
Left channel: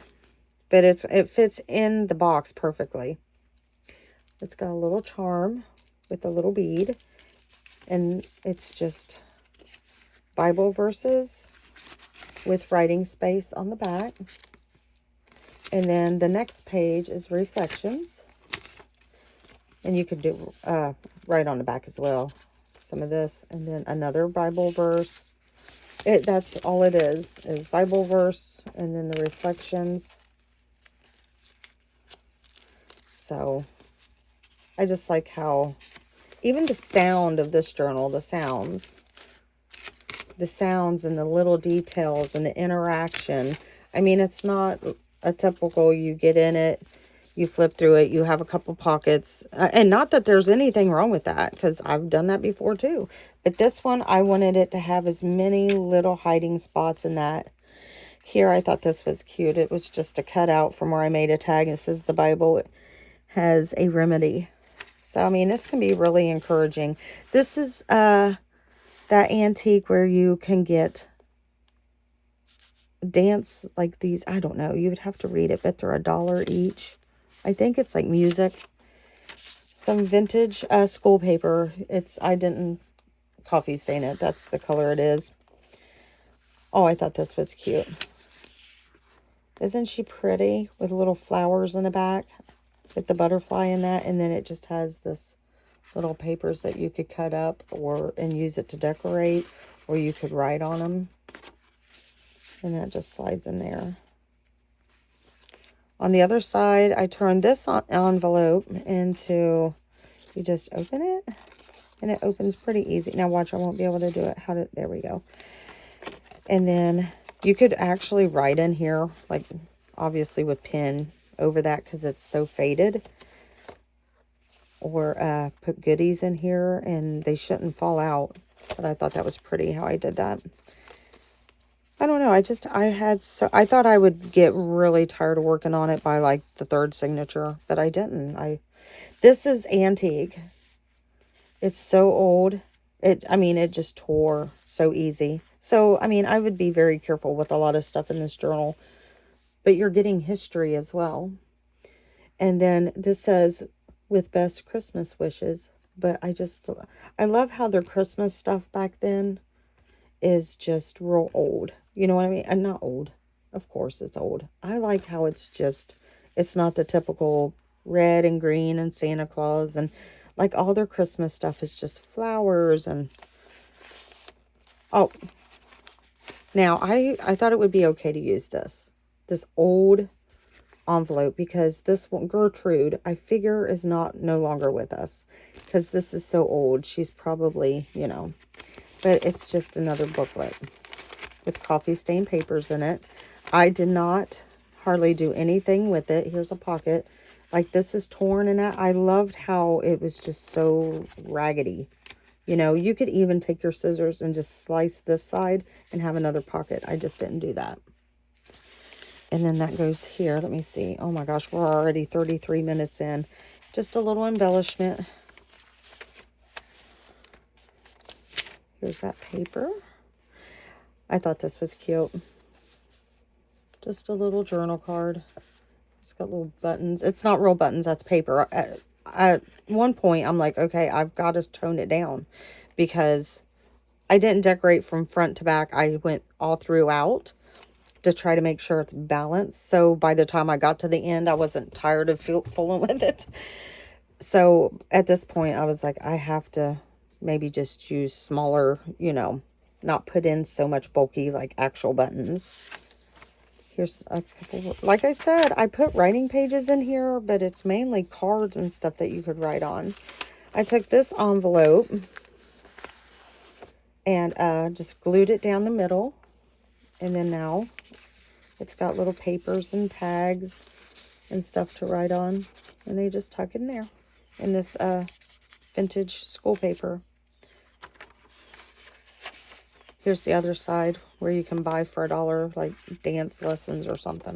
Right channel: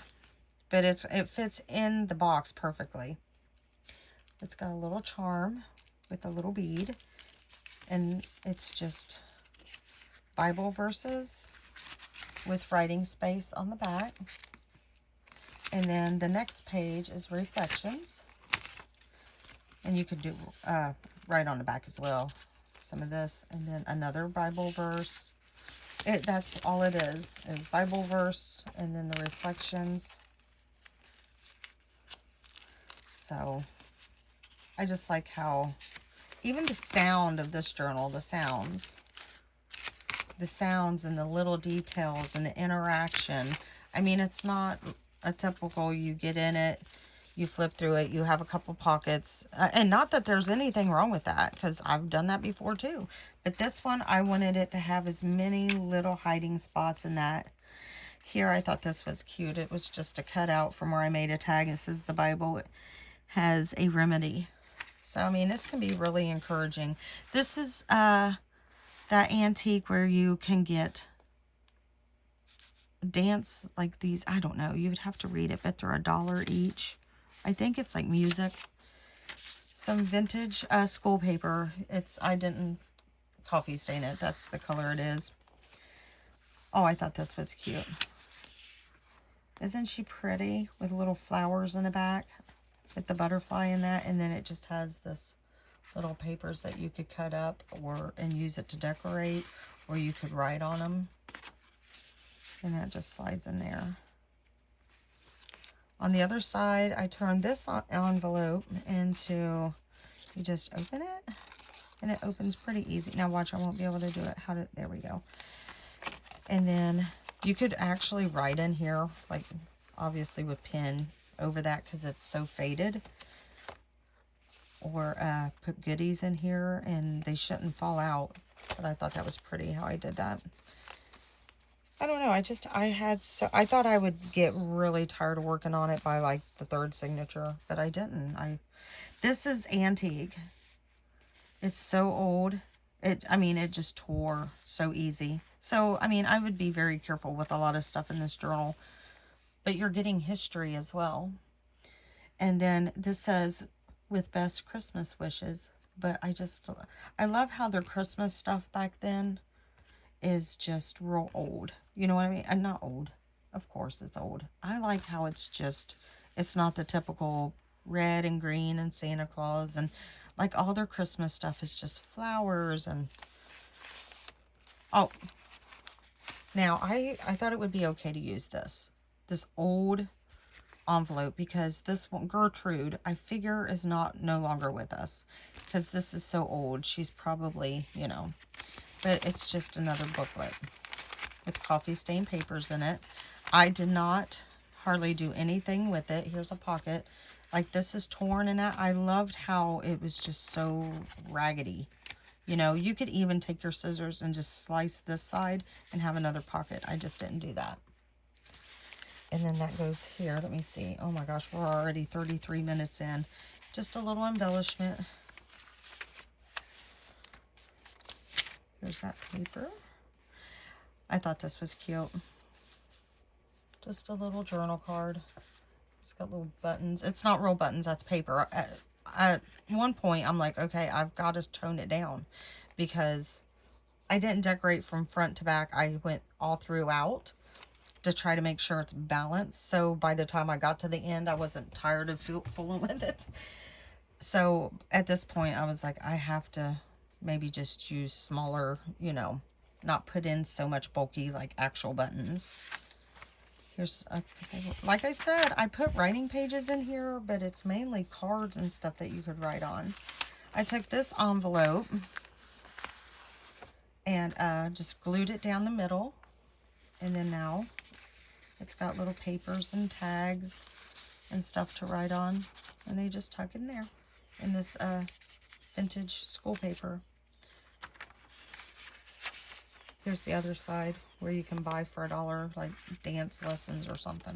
But it fits in the box perfectly. It's got a little charm with a little bead. And it's just Bible verses with writing space on the back. And then the next page is reflections. And you could do write on the back as well. Some of this. And then another Bible verse. That's all it is Bible verse. And then the reflections. So I just like how even the sound of this journal, the sounds and the little details and the interaction. I mean, it's not a typical, you get in it, you flip through it, you have a couple pockets. And not that there's anything wrong with that, because I've done that before too. But this one, I wanted it to have as many little hiding spots in that. Here, I thought this was cute. It was just a cutout from where I made a tag. It says the Bible has a remedy. So, I mean, this can be really encouraging. This is that antique where you can get dance like these. I don't know. You would have to read it, but they're $1 each. I think it's like music. Some vintage school paper. I didn't coffee stain it. That's the color it is. Oh, I thought this was cute. Isn't she pretty? With little flowers in the back. With the butterfly in that. And then it just has this little papers that you could cut up and use it to decorate. Or you could write on them. And that just slides in there. On the other side, I turned this envelope into, you just open it. And it opens pretty easy. Now watch, I won't be able to do it. There we go. And then you could actually write in here, like obviously with pen over that because it's so faded. Or put goodies in here and they shouldn't fall out. But I thought that was pretty how I did that. I don't know. I thought I would get really tired of working on it by like the third signature, but I didn't. This is antique. It's so old. It just tore so easy. So, I mean, I would be very careful with a lot of stuff in this journal, but you're getting history as well. And then this says, with best Christmas wishes, but I love how their Christmas stuff back then is just real old. You know what I mean? And not old. Of course it's old. I like how it's not the typical red and green and Santa Claus, and like all their Christmas stuff is just flowers and, oh, now I thought it would be okay to use this old envelope, because this one, Gertrude, I figure is no longer with us because this is so old. She's probably, but it's just another booklet with coffee stained papers in it. I did not hardly do anything with it. Here's a pocket. Like, this is torn and I loved how it was just so raggedy. You could even take your scissors and just slice this side and have another pocket. I just didn't do that. And then that goes here. Let me see. Oh my gosh, we're already 33 minutes in. Just a little embellishment. Here's that paper. I thought this was cute. Just a little journal card. It's got little buttons. It's not real buttons. That's paper. At one point, I'm like, okay, I've got to tone it down because I didn't decorate from front to back. I went all throughout to try to make sure it's balanced. So by the time I got to the end, I wasn't tired of fooling with it. So at this point, I was like, I have to maybe just use smaller, not put in so much bulky, like actual buttons. Here's a couple, like I said, I put writing pages in here, but it's mainly cards and stuff that you could write on. I took this envelope and just glued it down the middle. And then now it's got little papers and tags and stuff to write on, and they just tuck in there in this vintage school paper. Here's the other side where you can buy for $1, like dance lessons or something.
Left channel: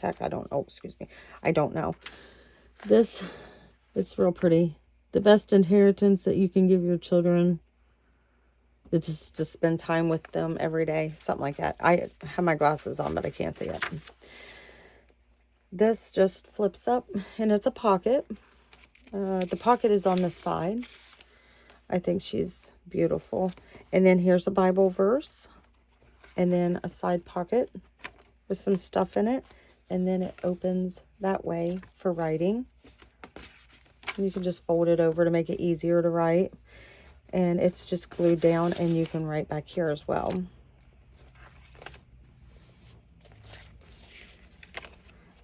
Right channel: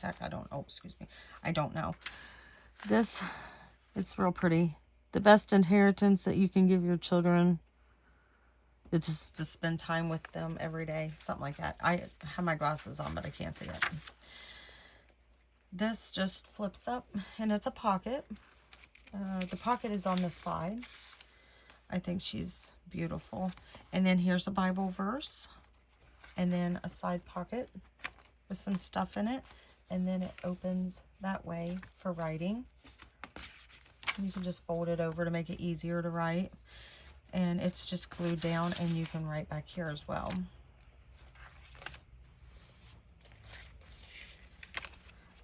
Heck, I don't know. Excuse me. I don't know. This, it's real pretty. The best inheritance that you can give your children is just to spend time with them every day. Something like that. I have my glasses on, but I can't see it. This just flips up, and it's a pocket. The pocket is on the side. I think she's beautiful. And then here's a Bible verse, and then a side pocket with some stuff in it, and then it opens that way for writing. You can just fold it over to make it easier to write, and it's just glued down, and you can write back here as well.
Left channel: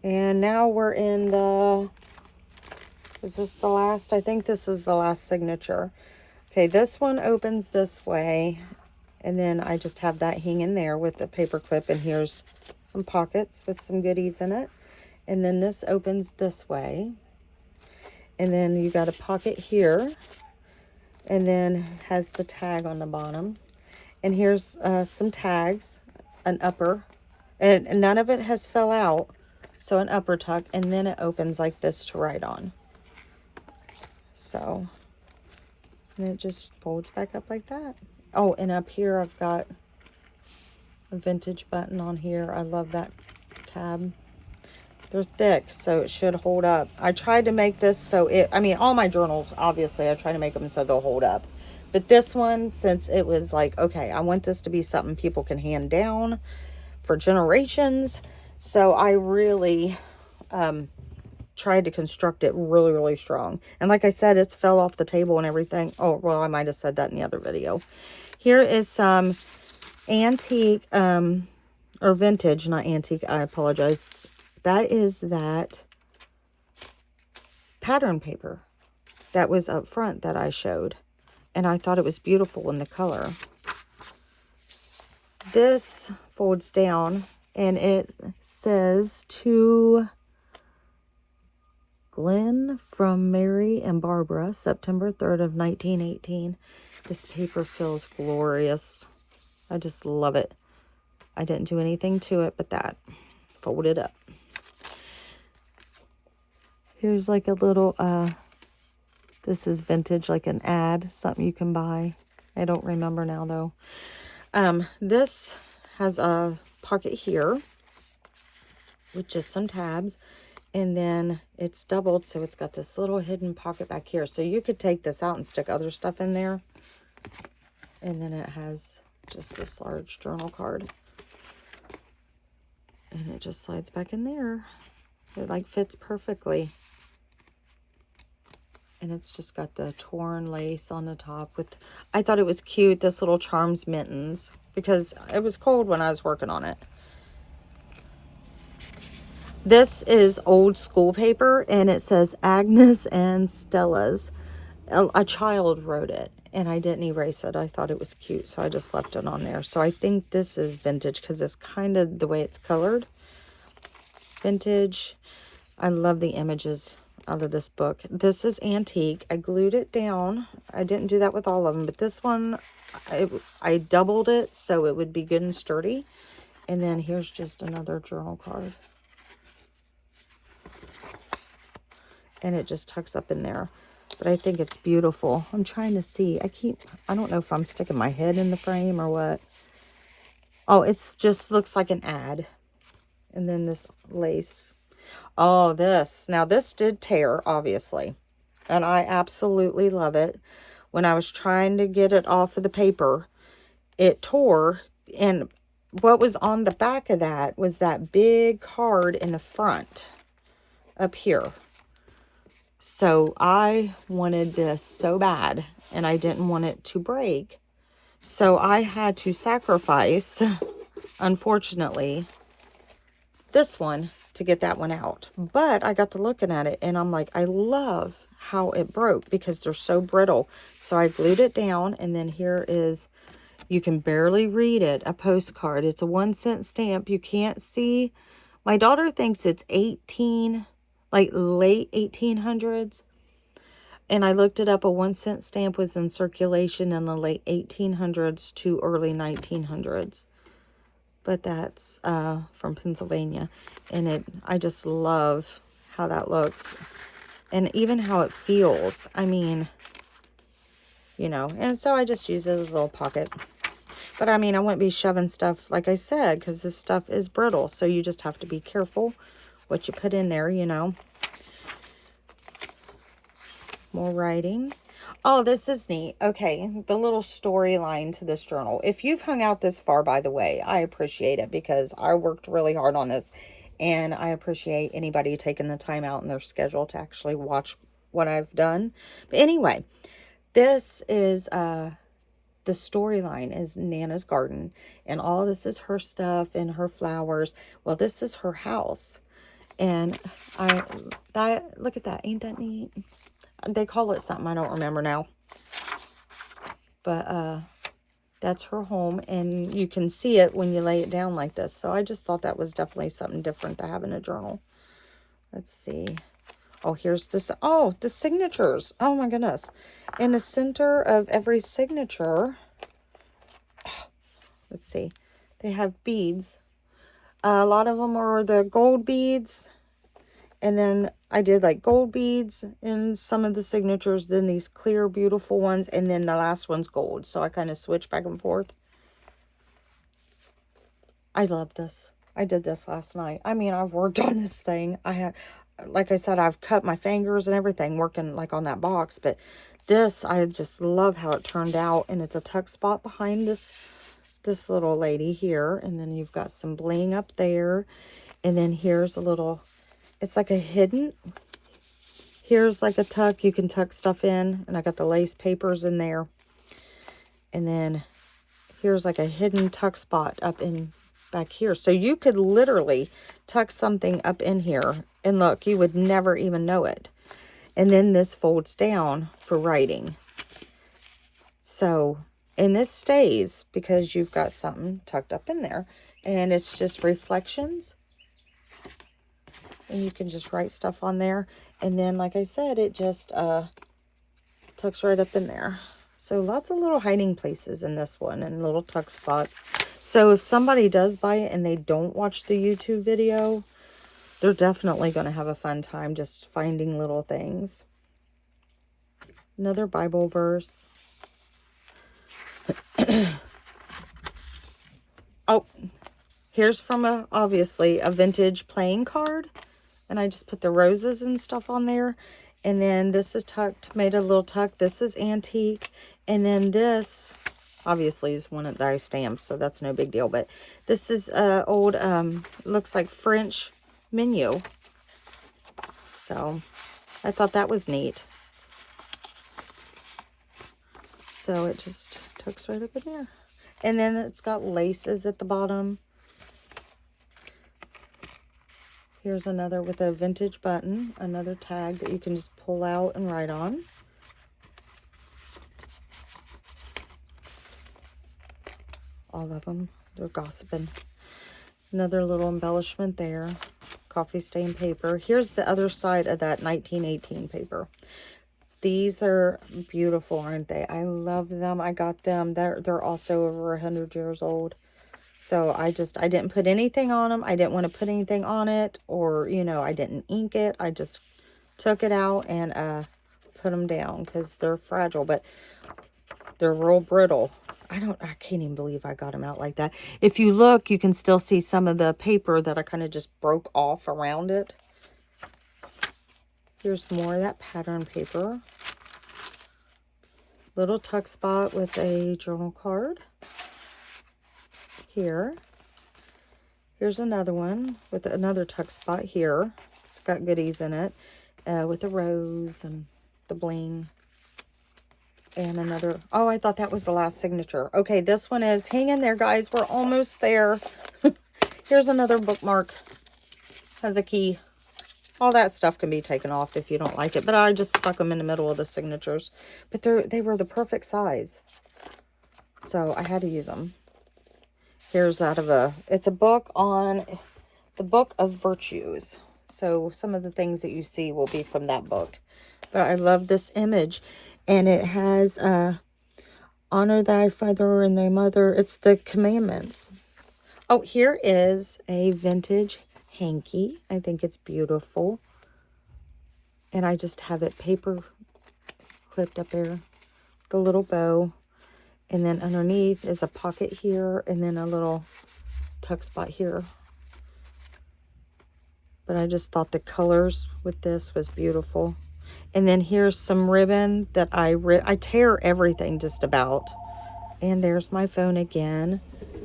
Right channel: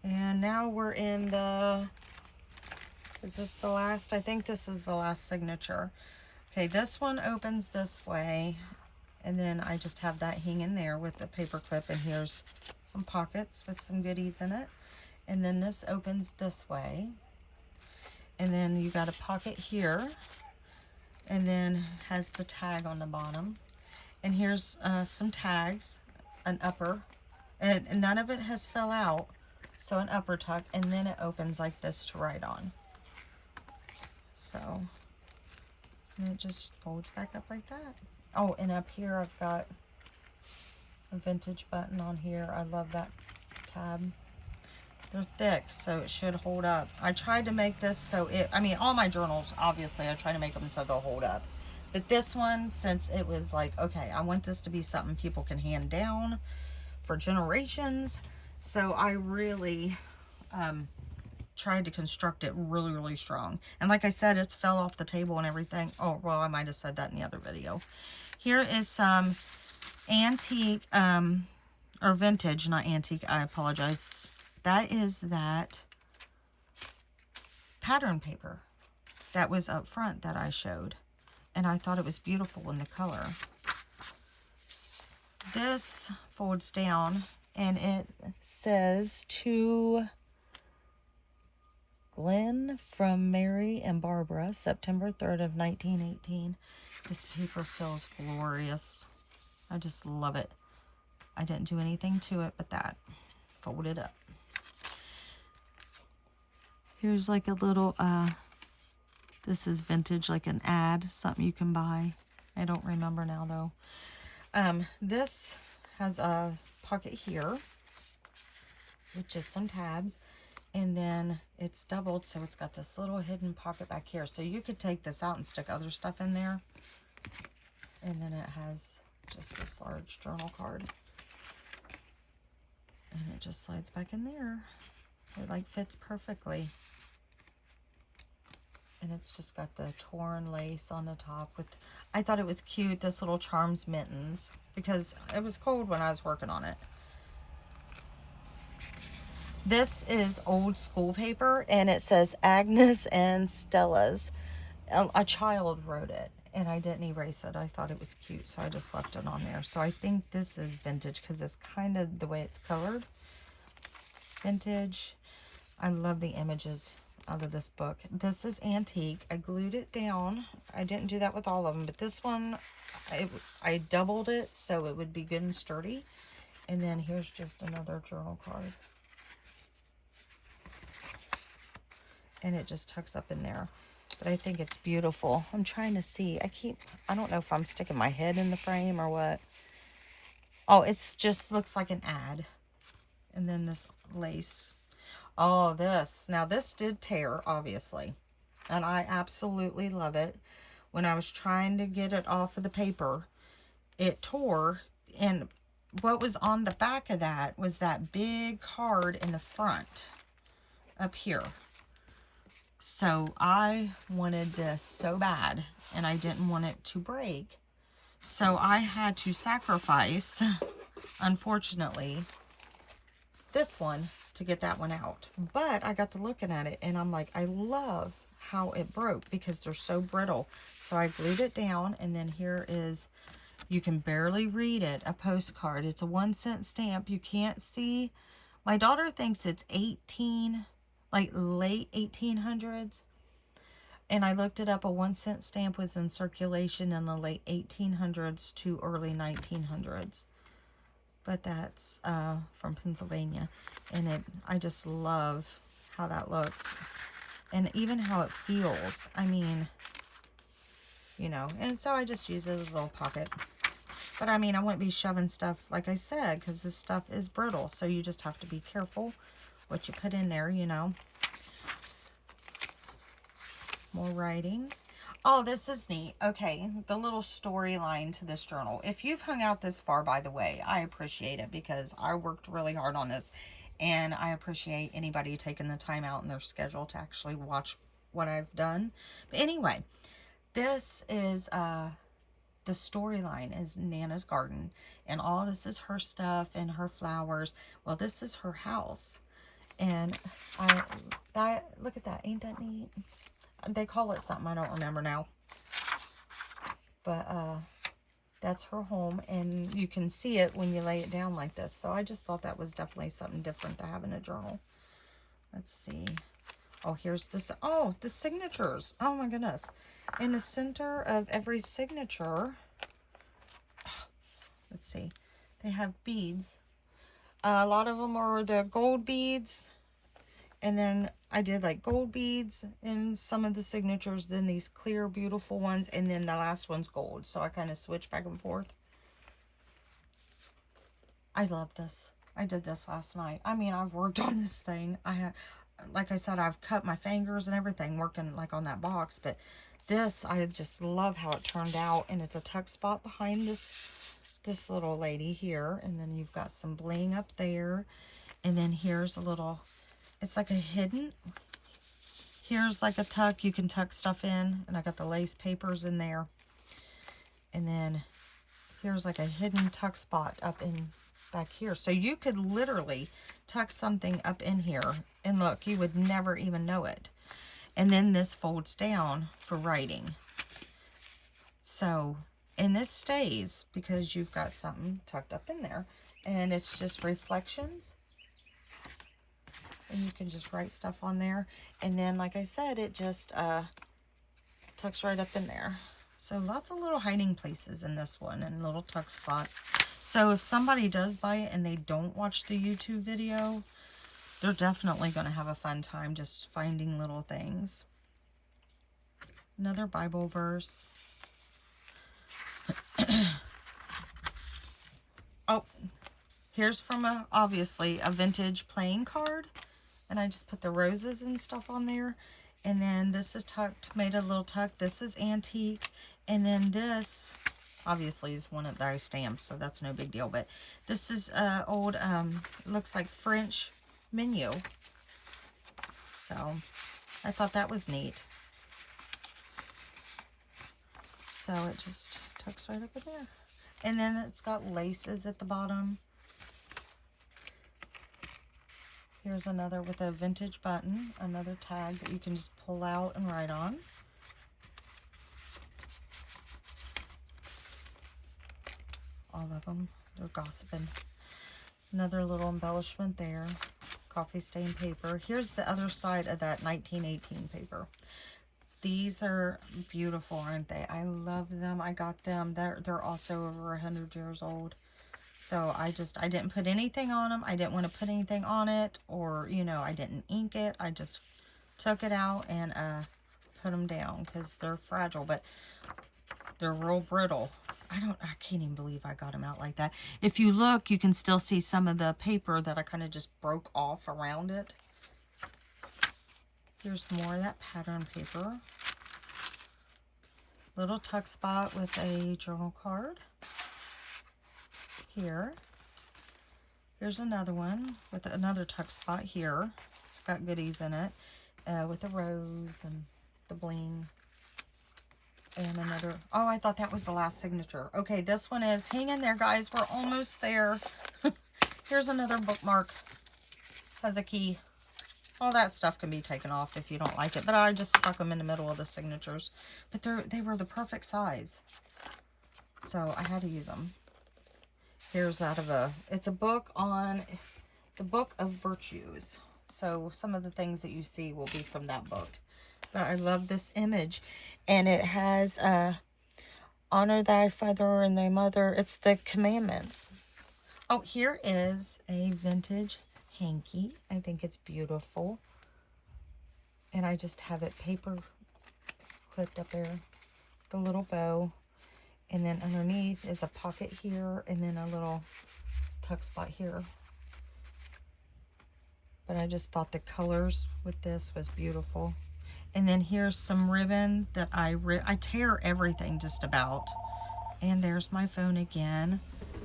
And now we're in the, is this the last? I think this is the last signature. Okay, this one opens this way, and then I just have that hanging there with the paper clip, and here's some pockets with some goodies in it. And then this opens this way, and then you got a pocket here, and then has the tag on the bottom. And here's some tags, an upper, and none of it has fell out, so an upper tuck, and then it opens like this to write on. So, and it just folds back up like that. Oh, and up here I've got a vintage button on here. I love that tab. They're thick, so it should hold up. I tried to make this so it, I mean, all my journals, obviously, I try to make them so they'll hold up. But this one, since it was like, okay, I want this to be something people can hand down for generations. So I really tried to construct it really, really strong. And like I said, it's fell off the table and everything. Oh, well, I might have said that in the other video. Here is some antique, or vintage, not antique, I apologize. That is that pattern paper that was up front that I showed. And I thought it was beautiful in the color. This folds down, and it says, to Glenn from Mary and Barbara, September 3rd of 1918. This paper feels glorious. I just love it. I didn't do anything to it but that. Fold it up. Here's like a little, this is vintage, like an ad, something you can buy. I don't remember now though. This has a pocket here with just some tabs, and then it's doubled, so it's got this little hidden pocket back here. So you could take this out and stick other stuff in there. And then it has just this large journal card, and it just slides back in there. It like fits perfectly. And it's just got the torn lace on the top with, I thought it was cute, this little charms mittens, because it was cold when I was working on it. This is old school paper, and it says Agnes and Stella's. A child wrote it, and I didn't erase it. I thought it was cute, so I just left it on there. So I think this is vintage because it's kind of the way it's colored. Vintage. I love the images out of this book. This is antique. I glued it down. I didn't do that with all of them, but this one, I doubled it so it would be good and sturdy. And then here's just another journal card. And it just tucks up in there. But I think it's beautiful. I'm trying to see. I don't know if I'm sticking my head in the frame or what. Oh, it's just looks like an ad. And then this lace. Oh, this. Now, this did tear, obviously. And I absolutely love it. When I was trying to get it off of the paper, it tore. And what was on the back of that was that big card in the front up here. So I wanted this so bad, and I didn't want it to break. So I had to sacrifice, unfortunately, this one to get that one out. But I got to looking at it, and I'm like, I love how it broke because they're so brittle. So I glued it down, and then here is You can barely read it, a postcard. It's a 1-cent stamp. You can't see. My daughter thinks it's 18, like late 1800s. And I looked it up. A 1-cent stamp was in circulation in the late 1800s to early 1900s. But that's from Pennsylvania. And I just love how that looks. And even how it feels. I mean, you know. And so I just use it as a little pocket. But I mean, I wouldn't be shoving stuff, like I said, because this stuff is brittle. So you just have to be careful what you put in there, you know. More writing. Oh, this is neat. Okay, the little storyline to this journal. If you've hung out this far, by the way, I appreciate it because I worked really hard on this. And I appreciate anybody taking the time out in their schedule to actually watch what I've done. But anyway, this is... the storyline is Nana's garden, and all this is her stuff and her flowers. Well, this is her house, and look at that. Ain't that neat? They call it something. I don't remember now, but that's her home, and you can see it when you lay it down like this. So I just thought that was definitely something different to have in a journal. Let's see. Oh, here's this. Oh, the signatures. Oh my goodness. In the center of every signature, let's see, they have beads. A lot of them are the gold beads. And then I did like gold beads in some of the signatures. Then these clear, beautiful ones. And then the last one's gold. So I kind of switch back and forth. I love this. I did this last night. I mean, I've worked on this thing. Like I said, I've cut my fingers and everything working like on that box. But this, I just love how it turned out. And it's a tuck spot behind this little lady here. And then you've got some bling up there. And then here's a little, it's like a hidden, here's like a tuck. You can tuck stuff in. And I got the lace papers in there. And then here's like a hidden tuck spot up in back here. So you could literally tuck something up in here. And look, you would never even know it. And then this folds down for writing. So, and this stays because you've got something tucked up in there. And it's just reflections. And you can just write stuff on there. And then, like I said, it just tucks right up in there. So lots of little hiding places in this one and little tuck spots. So if somebody does buy it and they don't watch the YouTube video, they're definitely going to have a fun time just finding little things. Another Bible verse. Oh, here's from obviously a vintage playing card. And I just put the roses and stuff on there. And then this is tucked, made a little tuck. This is antique. And then this, obviously, is one that I stamped, so that's no big deal. But this is old, looks like French menu. So I thought that was neat. So it just tucks right up in there. And then it's got laces at the bottom. Here's another with a vintage button, another tag that you can just pull out and write on. All of them, they're gossiping. Another little embellishment there. Coffee stain paper. Here's the other side of that 1918 paper. These are beautiful, aren't they? I love them. I got them. They're also over 100 years old. So I didn't put anything on them. I didn't want to put anything on it, or, you know, I didn't ink it. I just took it out and put them down because they're fragile, but they're real brittle. I can't even believe I got them out like that. If you look, you can still see some of the paper that I kind of just broke off around it. Here's more of that pattern paper. Little tuck spot with a journal card. Here. Here's another one with another tuck spot here. It's got goodies in it with the rose and the bling. And another, oh, I thought that was the last signature. Okay, this one is, hang in there, guys. We're almost there. Here's another bookmark. Has a key. All that stuff can be taken off if you don't like it. But I just stuck them in the middle of the signatures. But they were the perfect size. So I had to use them. Here's it's a book on the Book of Virtues. So some of the things that you see will be from that book. But I love this image. And it has, honor thy father and thy mother. It's the commandments. Oh, here is a vintage hanky. I think it's beautiful. And I just have it paper clipped up there. The little bow. And then underneath is a pocket here. And then a little tuck spot here. But I just thought the colors with this was beautiful. And then here's some ribbon that I tear everything just about. And there's my phone again.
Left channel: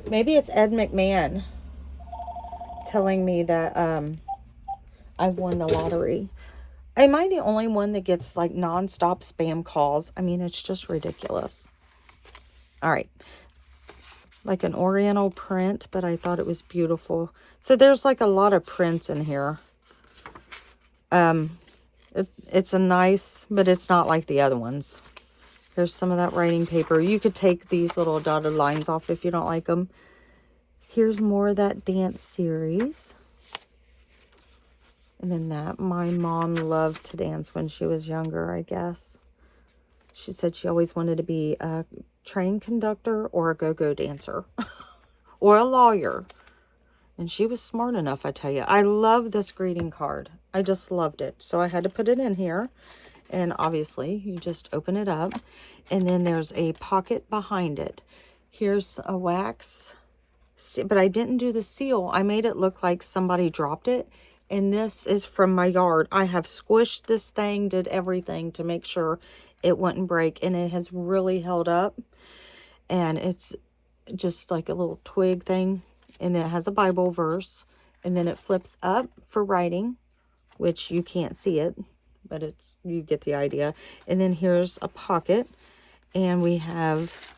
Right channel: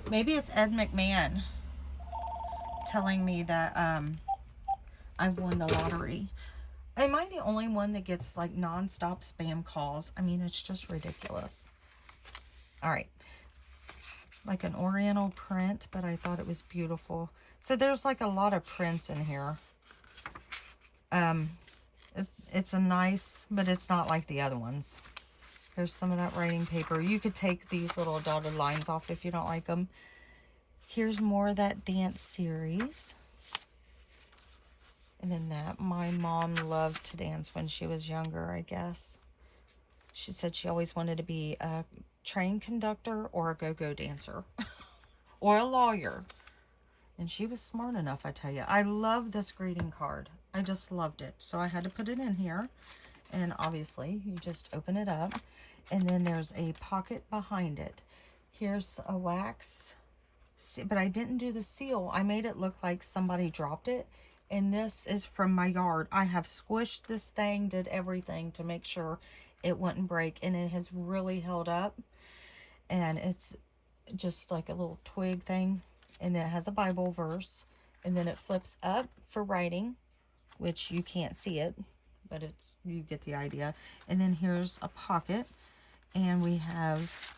Maybe it's Ed McMahon telling me that I've won the lottery. Am I the only one that gets like non-stop spam calls? I mean, it's just ridiculous. All right. Like an oriental print, but I thought it was beautiful. So there's like a lot of prints in here. It's a nice, but it's not like the other ones. Here's some of that writing paper. You could take these little dotted lines off if you don't like them. Here's more of that dance series. And then that. My mom loved to dance when she was younger, I guess. She said she always wanted to be a train conductor or a go-go dancer. Or a lawyer. And she was smart enough, I tell you. I love this greeting card. I just loved it. So I had to put it in here. And obviously, you just open it up. And then there's a pocket behind it. Here's a wax. But I didn't do the seal. I made it look like somebody dropped it. And this is from my yard. I have squished this thing, did everything to make sure it wouldn't break. And it has really held up. And it's just like a little twig thing. And it has a Bible verse. And then it flips up for writing, which you can't see it, but you get the idea. And then here's a pocket. And we have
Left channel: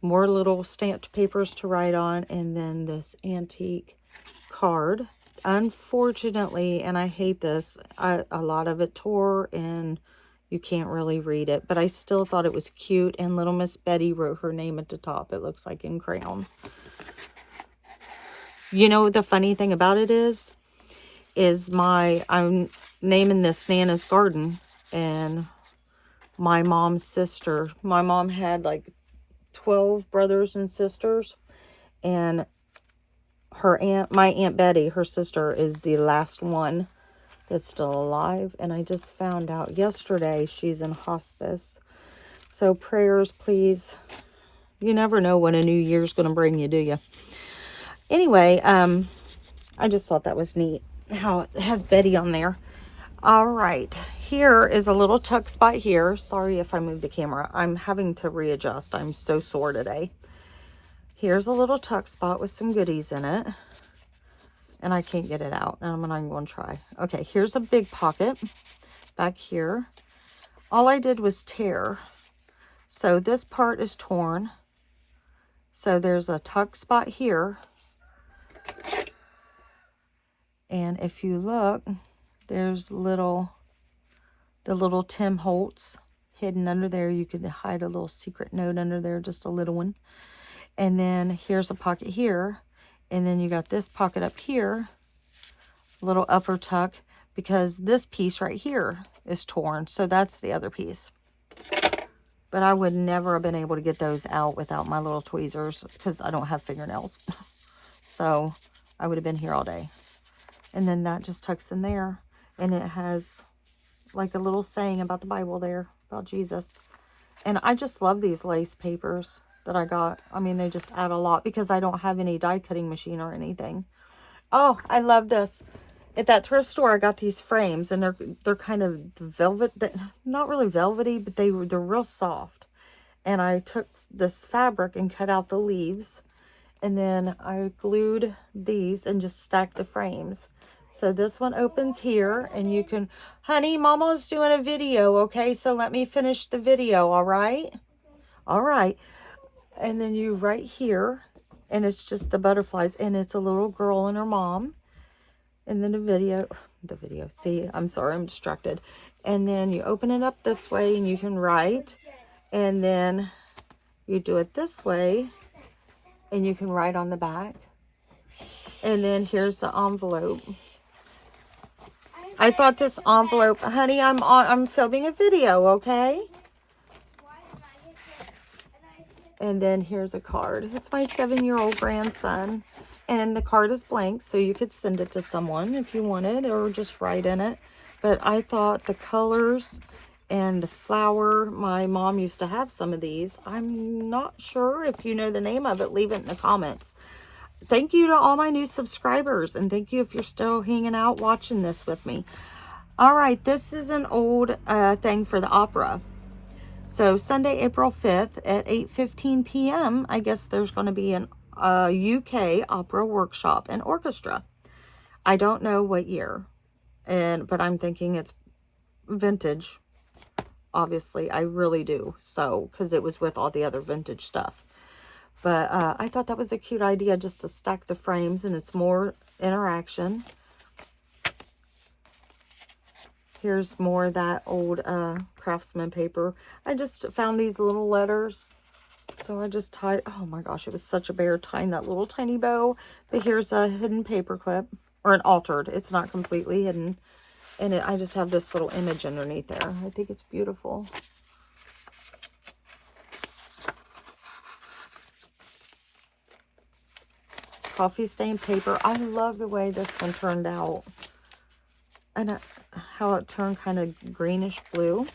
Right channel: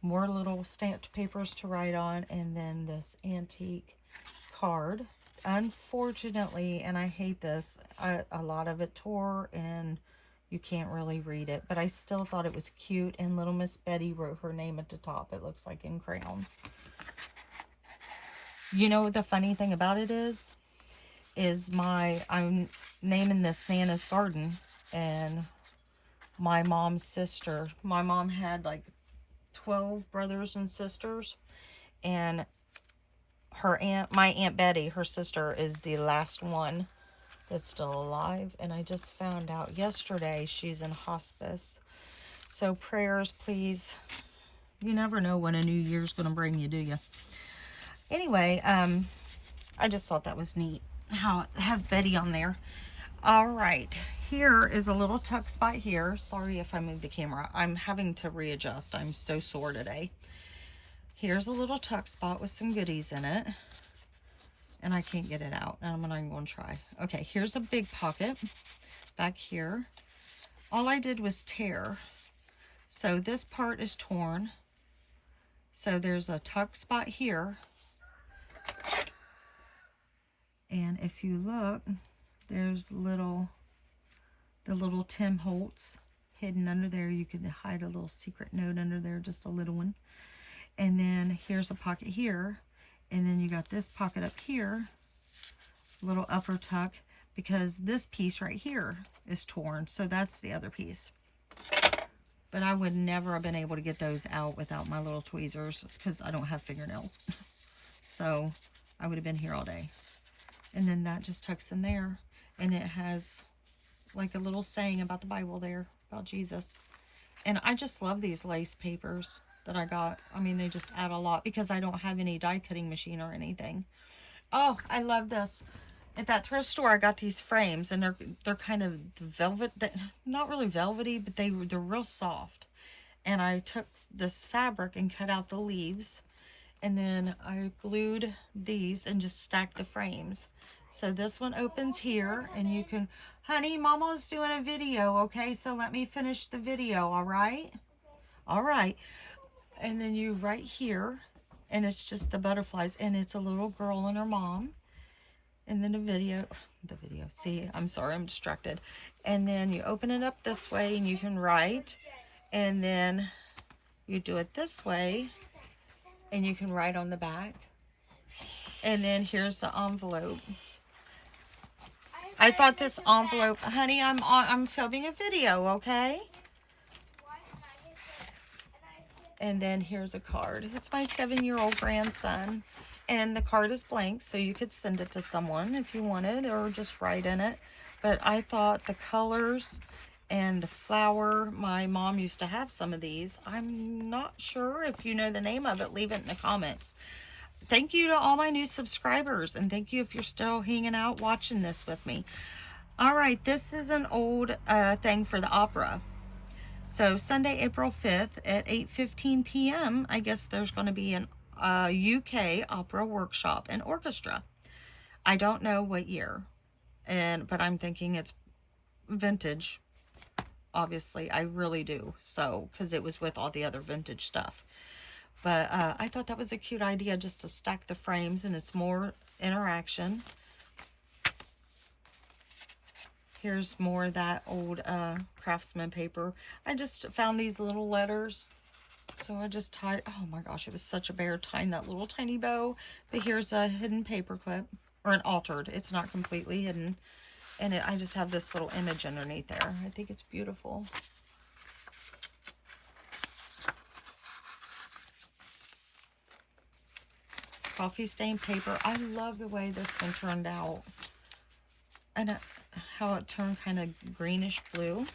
more little stamped papers to write on. And then this antique card. Unfortunately, and I hate this, a lot of it tore and you can't really read it. But I still thought it was cute. And little Miss Betty wrote her name at the top. It looks like in crayon. You know, the funny thing about it is I'm naming this Nana's Garden, and my mom's sister, my mom had like 12 brothers and sisters, and my Aunt Betty, her sister, is the last one that's still alive. And I just found out yesterday she's in hospice. So prayers, please. You never know what a new year's going to bring you, do you? Anyway, I just thought that was neat how it has Betty on there. All right, here is a little tuck spot here. Sorry if I move the camera. I'm having to readjust. I'm so sore today. Here's a little tuck spot with some goodies in it. And I can't get it out. I'm not even going to try. Okay, here's a big pocket back here. All I did was tear. So this part is torn. So there's a tuck spot here. And if you look, there's the little Tim Holtz hidden under there. You could hide a little secret note under there, just a little one. And then here's a pocket here. And then you got this pocket up here, little upper tuck, because this piece right here is torn. So that's the other piece. But I would never have been able to get those out without my little tweezers because I don't have fingernails. So I would have been here all day. And then that just tucks in there. And it has like a little saying about the Bible there, about Jesus. And I just love these lace papers that I got. I mean, they just add a lot because I don't have any die cutting machine or anything. Oh, I love this. At that thrift store, I got these frames, and they're kind of velvet, not really velvety, but they're real soft. And I took this fabric and cut out the leaves, and then I glued these and just stacked the frames. So this one opens here, and you can, honey, Mama's doing a video, okay? So let me finish the video, all right? All right. And then you right here, and it's just the butterflies, and it's a little girl and her mom. And then the video, see, I'm sorry, I'm distracted. And then you open it up this way, and you can write. And then You do it this way, and you can write on the back. And then here's the envelope. I thought this envelope, honey, I'm filming a video, okay? And then here's a card. It's my 7-year-old grandson. And the card is blank, so you could send it to someone if you wanted, or just write in it. But I thought the colors and the flower, my mom used to have some of these. I'm not sure if you know the name of it. Leave it in the comments. Thank you to all my new subscribers, and thank you if you're still hanging out watching this with me. All right, this is an old thing for the opera. So Sunday, April 5th at 8:15 p.m., I guess there's going to be an UK opera workshop and orchestra. I don't know what year, but I'm thinking it's vintage. Obviously, I really do. So, because it was with all the other vintage stuff. But I thought that was a cute idea, just to stack the frames, and it's more interaction. Here's more of that old Craftsman paper. I just found these little letters. So I just tied, oh my gosh, it was such a bear tying that little tiny bow. But here's a hidden paper clip, or an altered. It's not completely hidden. And I just have this little image underneath there. I think it's beautiful. Coffee stained paper. I love the way this one turned out. And how it turned kind of greenish blue.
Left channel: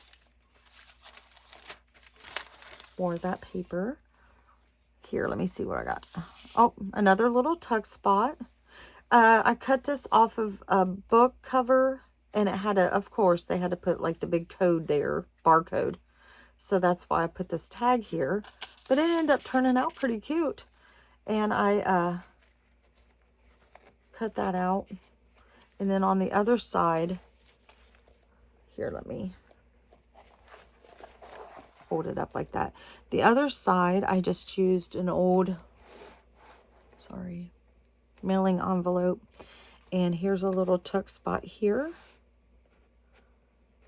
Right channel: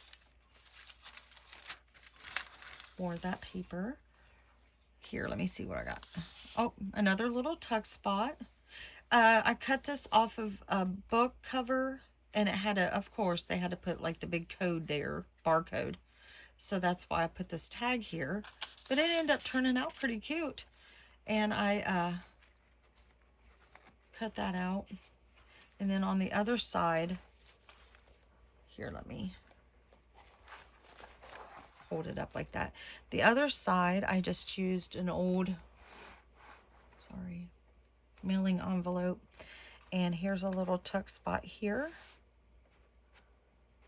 More of that paper. Here, let me see what I got. Oh, another little tuck spot. I cut this off of a book cover, and it had a, of course, they had to put like the big code there, barcode. So that's why I put this tag here. But it ended up turning out pretty cute. And I cut that out. And then on the other side, here, let me hold it up like that. The other side, I just used an old, mailing envelope. And here's a little tuck spot here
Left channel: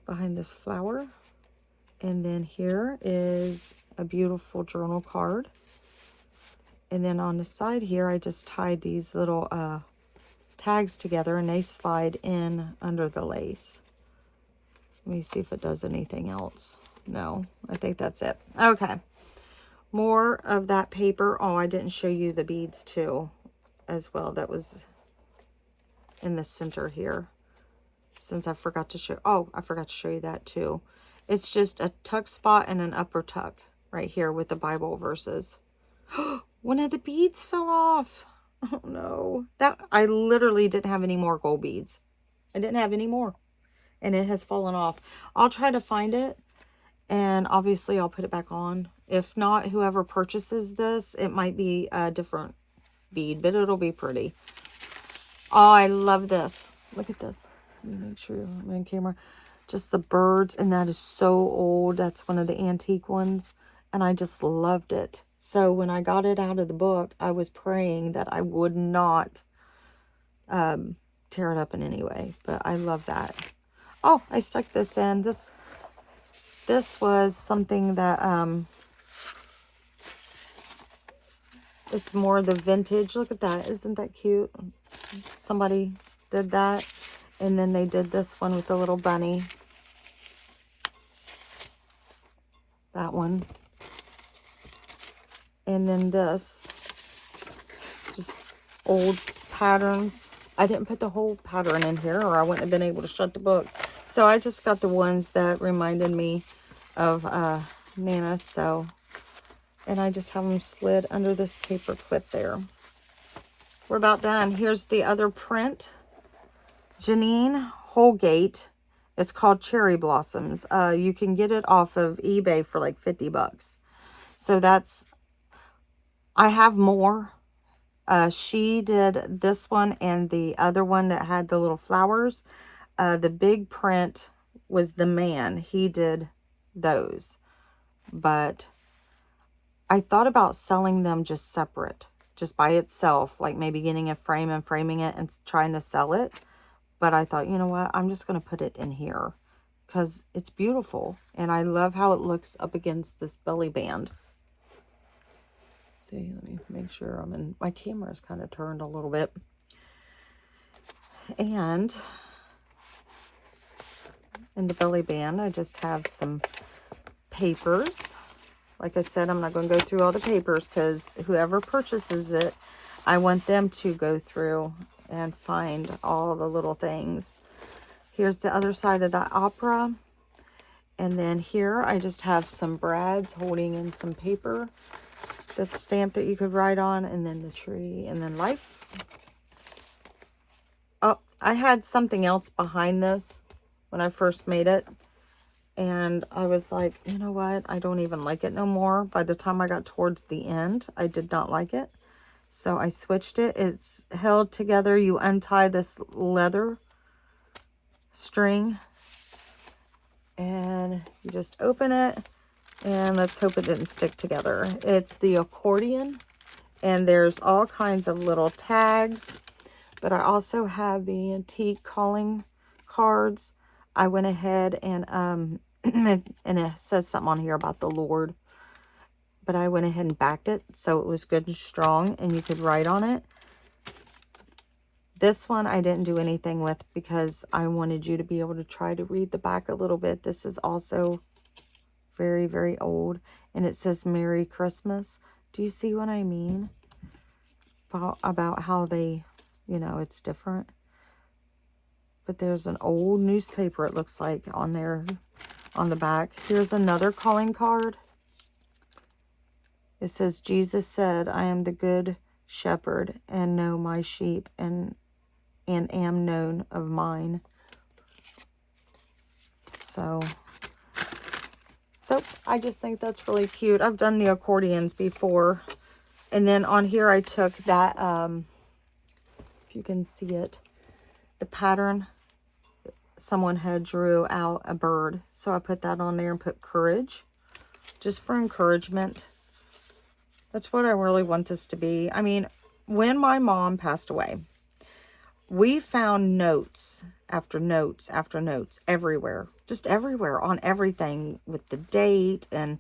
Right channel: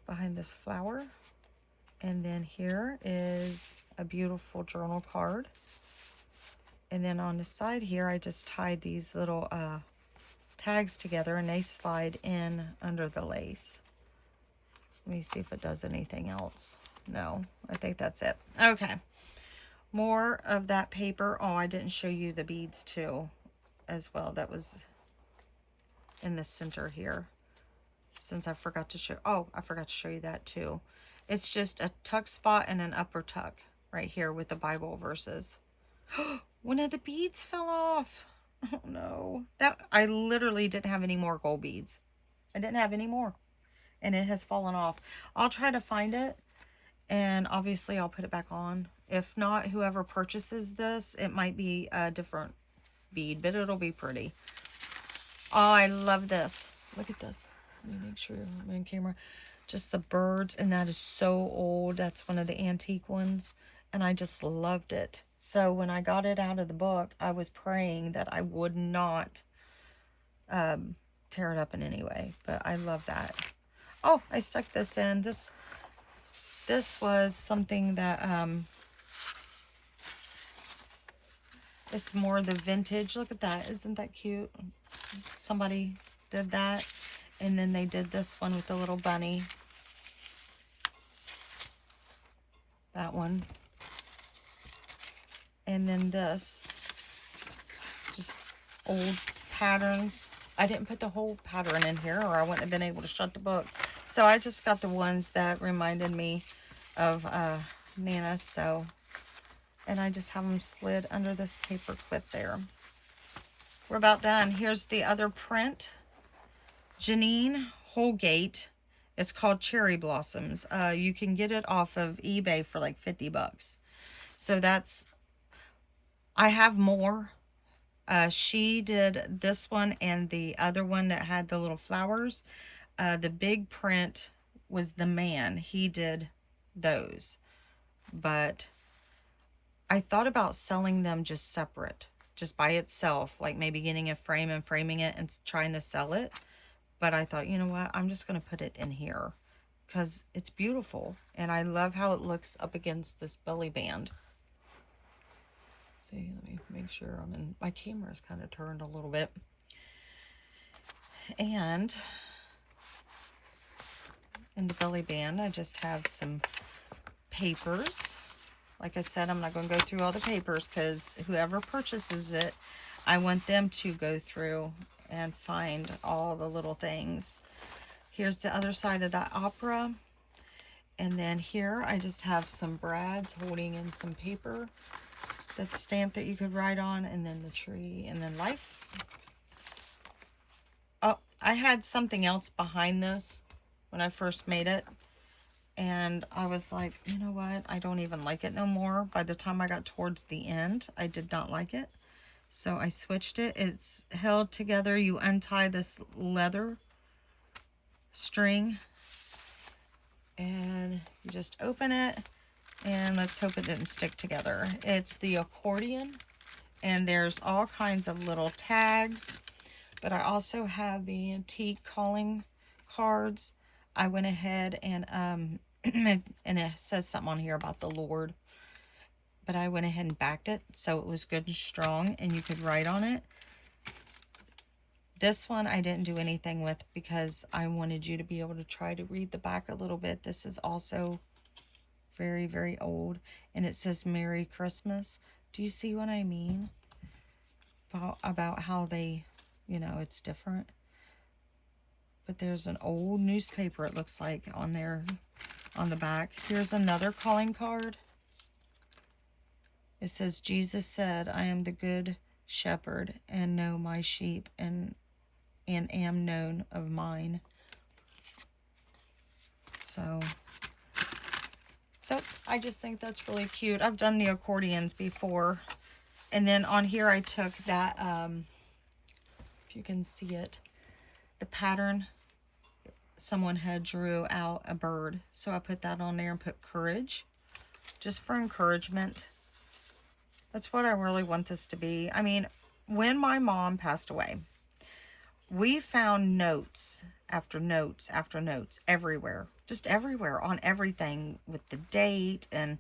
behind this flower. And then here is a beautiful journal card. And then on the side here, I just tied these little tags together, and they slide in under the lace. Let me see if it does anything else. No, I think that's it. Okay. More of that paper. Oh, I didn't show you the beads too as well. That was in the center here. Since I forgot to show, oh, I forgot to show you that too. It's just a tuck spot and an upper tuck right here with the Bible verses. One of the beads fell off. Oh no. That, I literally didn't have any more gold beads. I didn't have any more. And it has fallen off. I'll try to find it. And obviously I'll put it back on. If not, whoever purchases this, it might be a different bead, but it'll be pretty. Oh, I love this. Look at this. Let me make sure I'm on camera. Just the birds, and that is so old. That's one of the antique ones, and I just loved it. So when I got it out of the book, I was praying that I would not tear it up in any way, but I love that. Oh, I stuck this in. This was something that it's more the vintage. Look at that. Isn't that cute? Somebody did that. And then they did this one with the little bunny. That one. And then this. Just old patterns. I didn't put the whole pattern in here, or I wouldn't have been able to shut the book. So I just got the ones that reminded me of Nana. So, and I just have them slid under this paper clip there. We're about done. Here's the other print. Janine Holgate. It's called Cherry Blossoms. You can get it off of eBay for like 50 bucks. So that's, I have more. She did this one and the other one that had the little flowers. The big print was the man. He did those. But I thought about selling them just separate, just by itself, like maybe getting a frame and framing it and trying to sell it. But I thought, you know what, I'm just going to put it in here because it's beautiful. And I love how it looks up against this belly band. see, let me make sure I'm in, my camera is kind of turned a little bit. And in the belly band, I just have some papers. Like I said, I'm not going to go through all the papers because whoever purchases it, I want them to go through and find all the little things. Here's the other side of that opera. And then here I just have some brads holding in some paper that's stamped that you could write on, and then the tree, and then life. Oh, I had something else behind this when I first made it. And I was like, you know what? I don't even like it no more. By the time I got towards the end, I did not like it. So I switched it. It's held together. You untie this leather string and you just open it, and let's hope it didn't stick together. It's the accordion, and there's all kinds of little tags, but I also have the antique calling cards. I went ahead and and it says something on here about the Lord, but I went ahead and backed it so it was good and strong and you could write on it. This one I didn't do anything with because I wanted you to be able to try to read the back a little bit. This is also very, very old, and it says Merry Christmas. Do you see what I mean? About how they, you know, it's different. But there's an old newspaper, it looks like, on there, on the back. Here's another calling card. It says, Jesus said, I am the good shepherd and know my sheep and am known of mine. So I just think that's really cute. I've done the accordions before. And then on here I took that, if you can see it, the pattern, someone had drew out a bird. So I put that on there and put courage, just for encouragement. That's what I really want this to be. I mean, when my mom passed away, we found notes after notes after notes everywhere, just everywhere, on everything with the date, and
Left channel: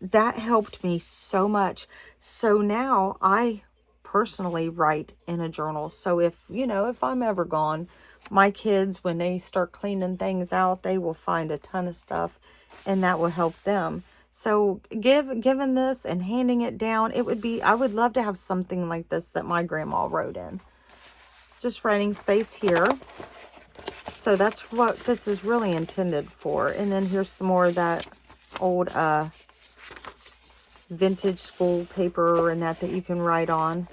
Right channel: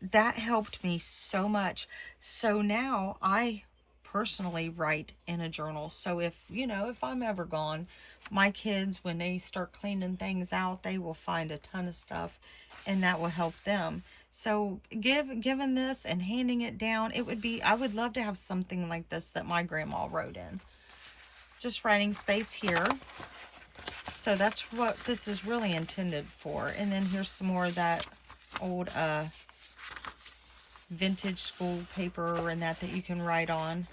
that helped me so much. So now I personally write in a journal. So if, you know, if I'm ever gone, my kids, when they start cleaning things out, they will find a ton of stuff, and that will help them. So given this and handing it down, it would be, I would love to have something like this that my grandma wrote in. Just writing space here. So that's what this is really intended for. And then here's some more of that old vintage school paper and that you can write on.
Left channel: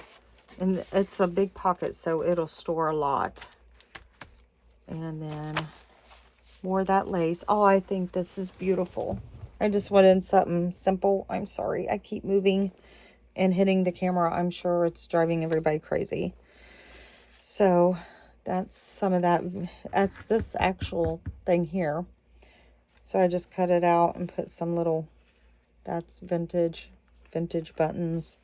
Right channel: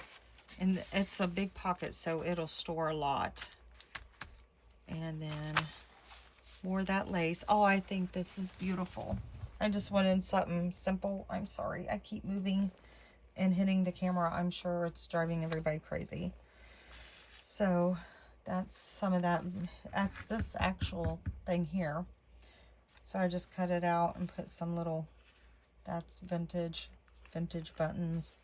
And it's a big pocket, so it'll store a lot. And then more of that lace. Oh, I think this is beautiful. I just wanted something simple. I'm sorry, I keep moving and hitting the camera. I'm sure it's driving everybody crazy. So that's some of that. That's this actual thing here. So I just cut it out and put some little, that's vintage buttons.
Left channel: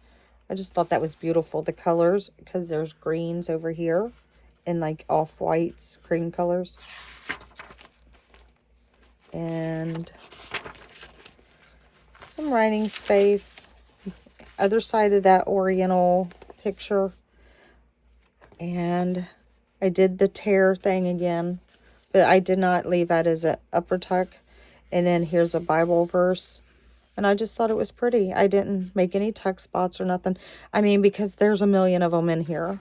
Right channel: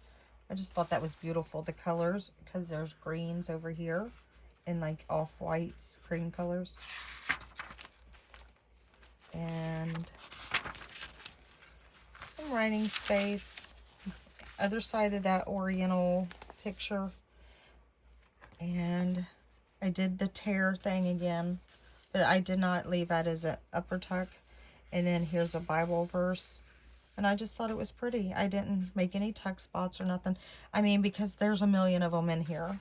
I just thought that was beautiful. The colors, because there's greens over here and like off-whites, cream colors. And some writing space. Other side of that oriental picture. And I did the tear thing again, but I did not leave that as an upper tuck. And then here's a Bible verse. And I just thought it was pretty. I didn't make any tuck spots or nothing. I mean, because there's a million of them in here.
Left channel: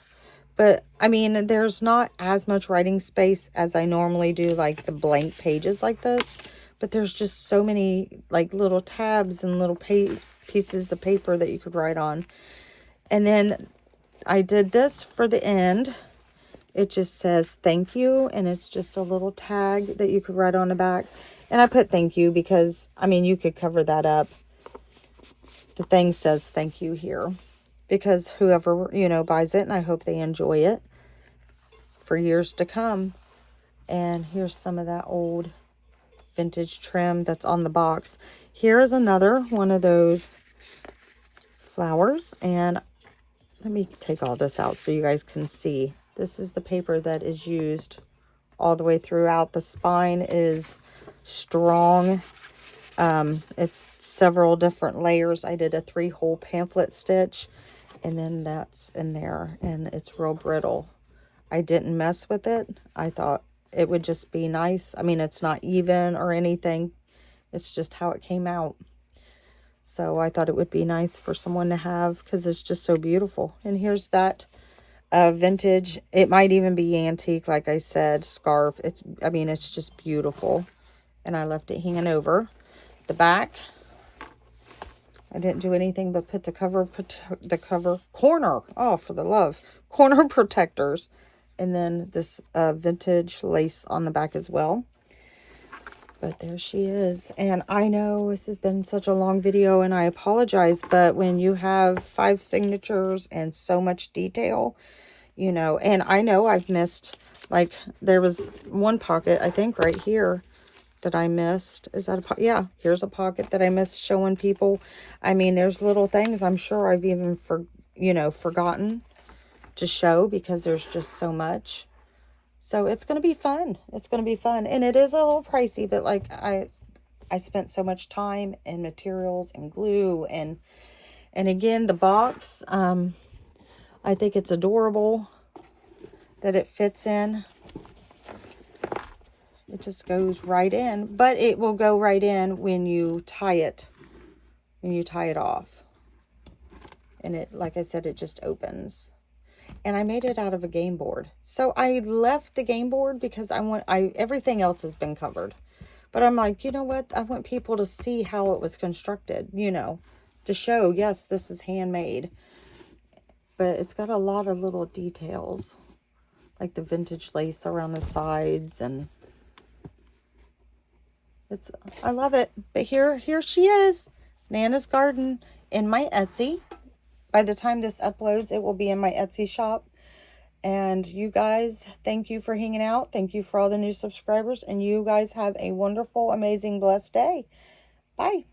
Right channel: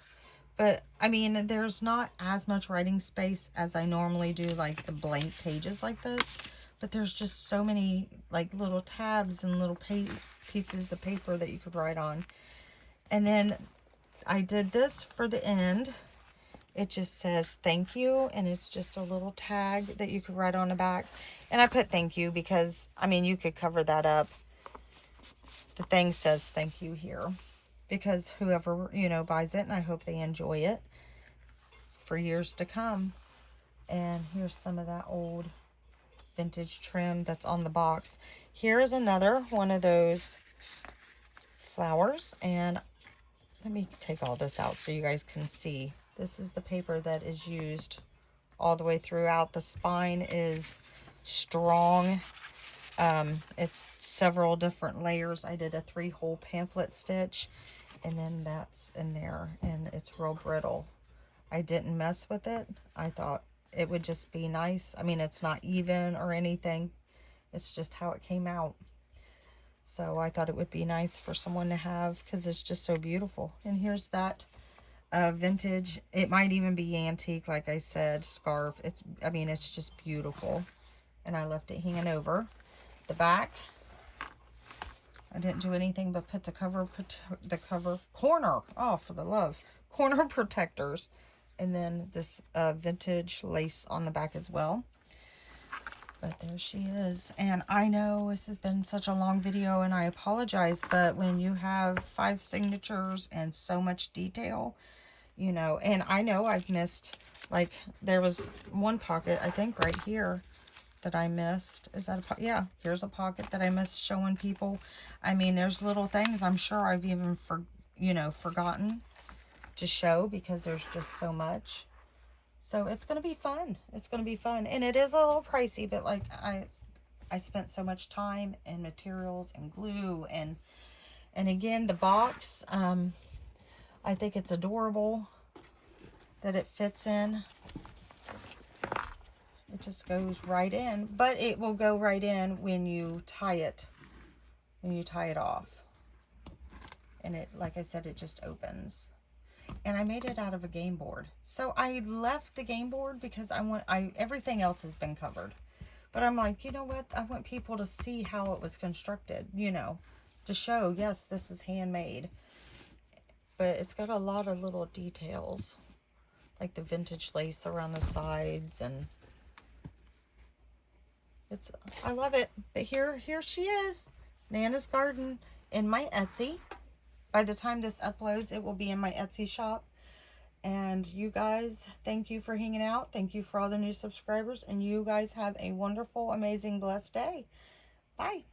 But, I mean, there's not as much writing space as I normally do, like the blank pages like this. But there's just so many, like, little tabs and little pieces of paper that you could write on. And then I did this for the end. It just says thank you, and it's just a little tag that you could write on the back. And I put thank you because, I mean, you could cover that up. The thing says thank you here because whoever, you know, buys it, and I hope they enjoy it for years to come. And here's some of that old vintage trim that's on the box. Here's another one of those flowers, and let me take all this out so you guys can see. This is the paper that is used all the way throughout. The spine is strong. It's several different layers. I did a 3-hole pamphlet stitch, and then that's in there, and it's real brittle. I didn't mess with it. I thought it would just be nice. I mean, it's not even or anything. It's just how it came out. So I thought it would be nice for someone to have, because it's just so beautiful. And here's that vintage. It might even be antique, like I said, scarf. I mean, it's just beautiful. And I left it hanging over. The back, I didn't do anything but put the cover corner, oh, for the love, corner protectors. And then this vintage lace on the back as well. But there she is. And I know this has been such a long video, and I apologize, but when you have 5 signatures and so much detail, you know, and I know I've missed, like, there was one pocket, I think right here, that I missed. Is that a pocket? Yeah, here's a pocket that I missed showing people. I mean, there's little things I'm sure I've even forgotten to show, because there's just so much. So it's going to be fun. It's going to be fun. And it is a little pricey, but like I spent so much time and materials and glue, and again, the box, I think it's adorable that it fits in. It just goes right in, but it will go right in when you tie it, off. And it, like I said, it just opens. And I made it out of a game board. So I left the game board because everything else has been covered. But I'm like, you know what? I want people to see how it was constructed, you know, to show, yes, this is handmade. But it's got a lot of little details, like the vintage lace around the sides, and I love it. But here she is, Nana's Garden, in my Etsy. By the time this uploads, it will be in my Etsy shop. And you guys, thank you for hanging out. Thank you for all the new subscribers. And you guys have a wonderful, amazing, blessed day. Bye.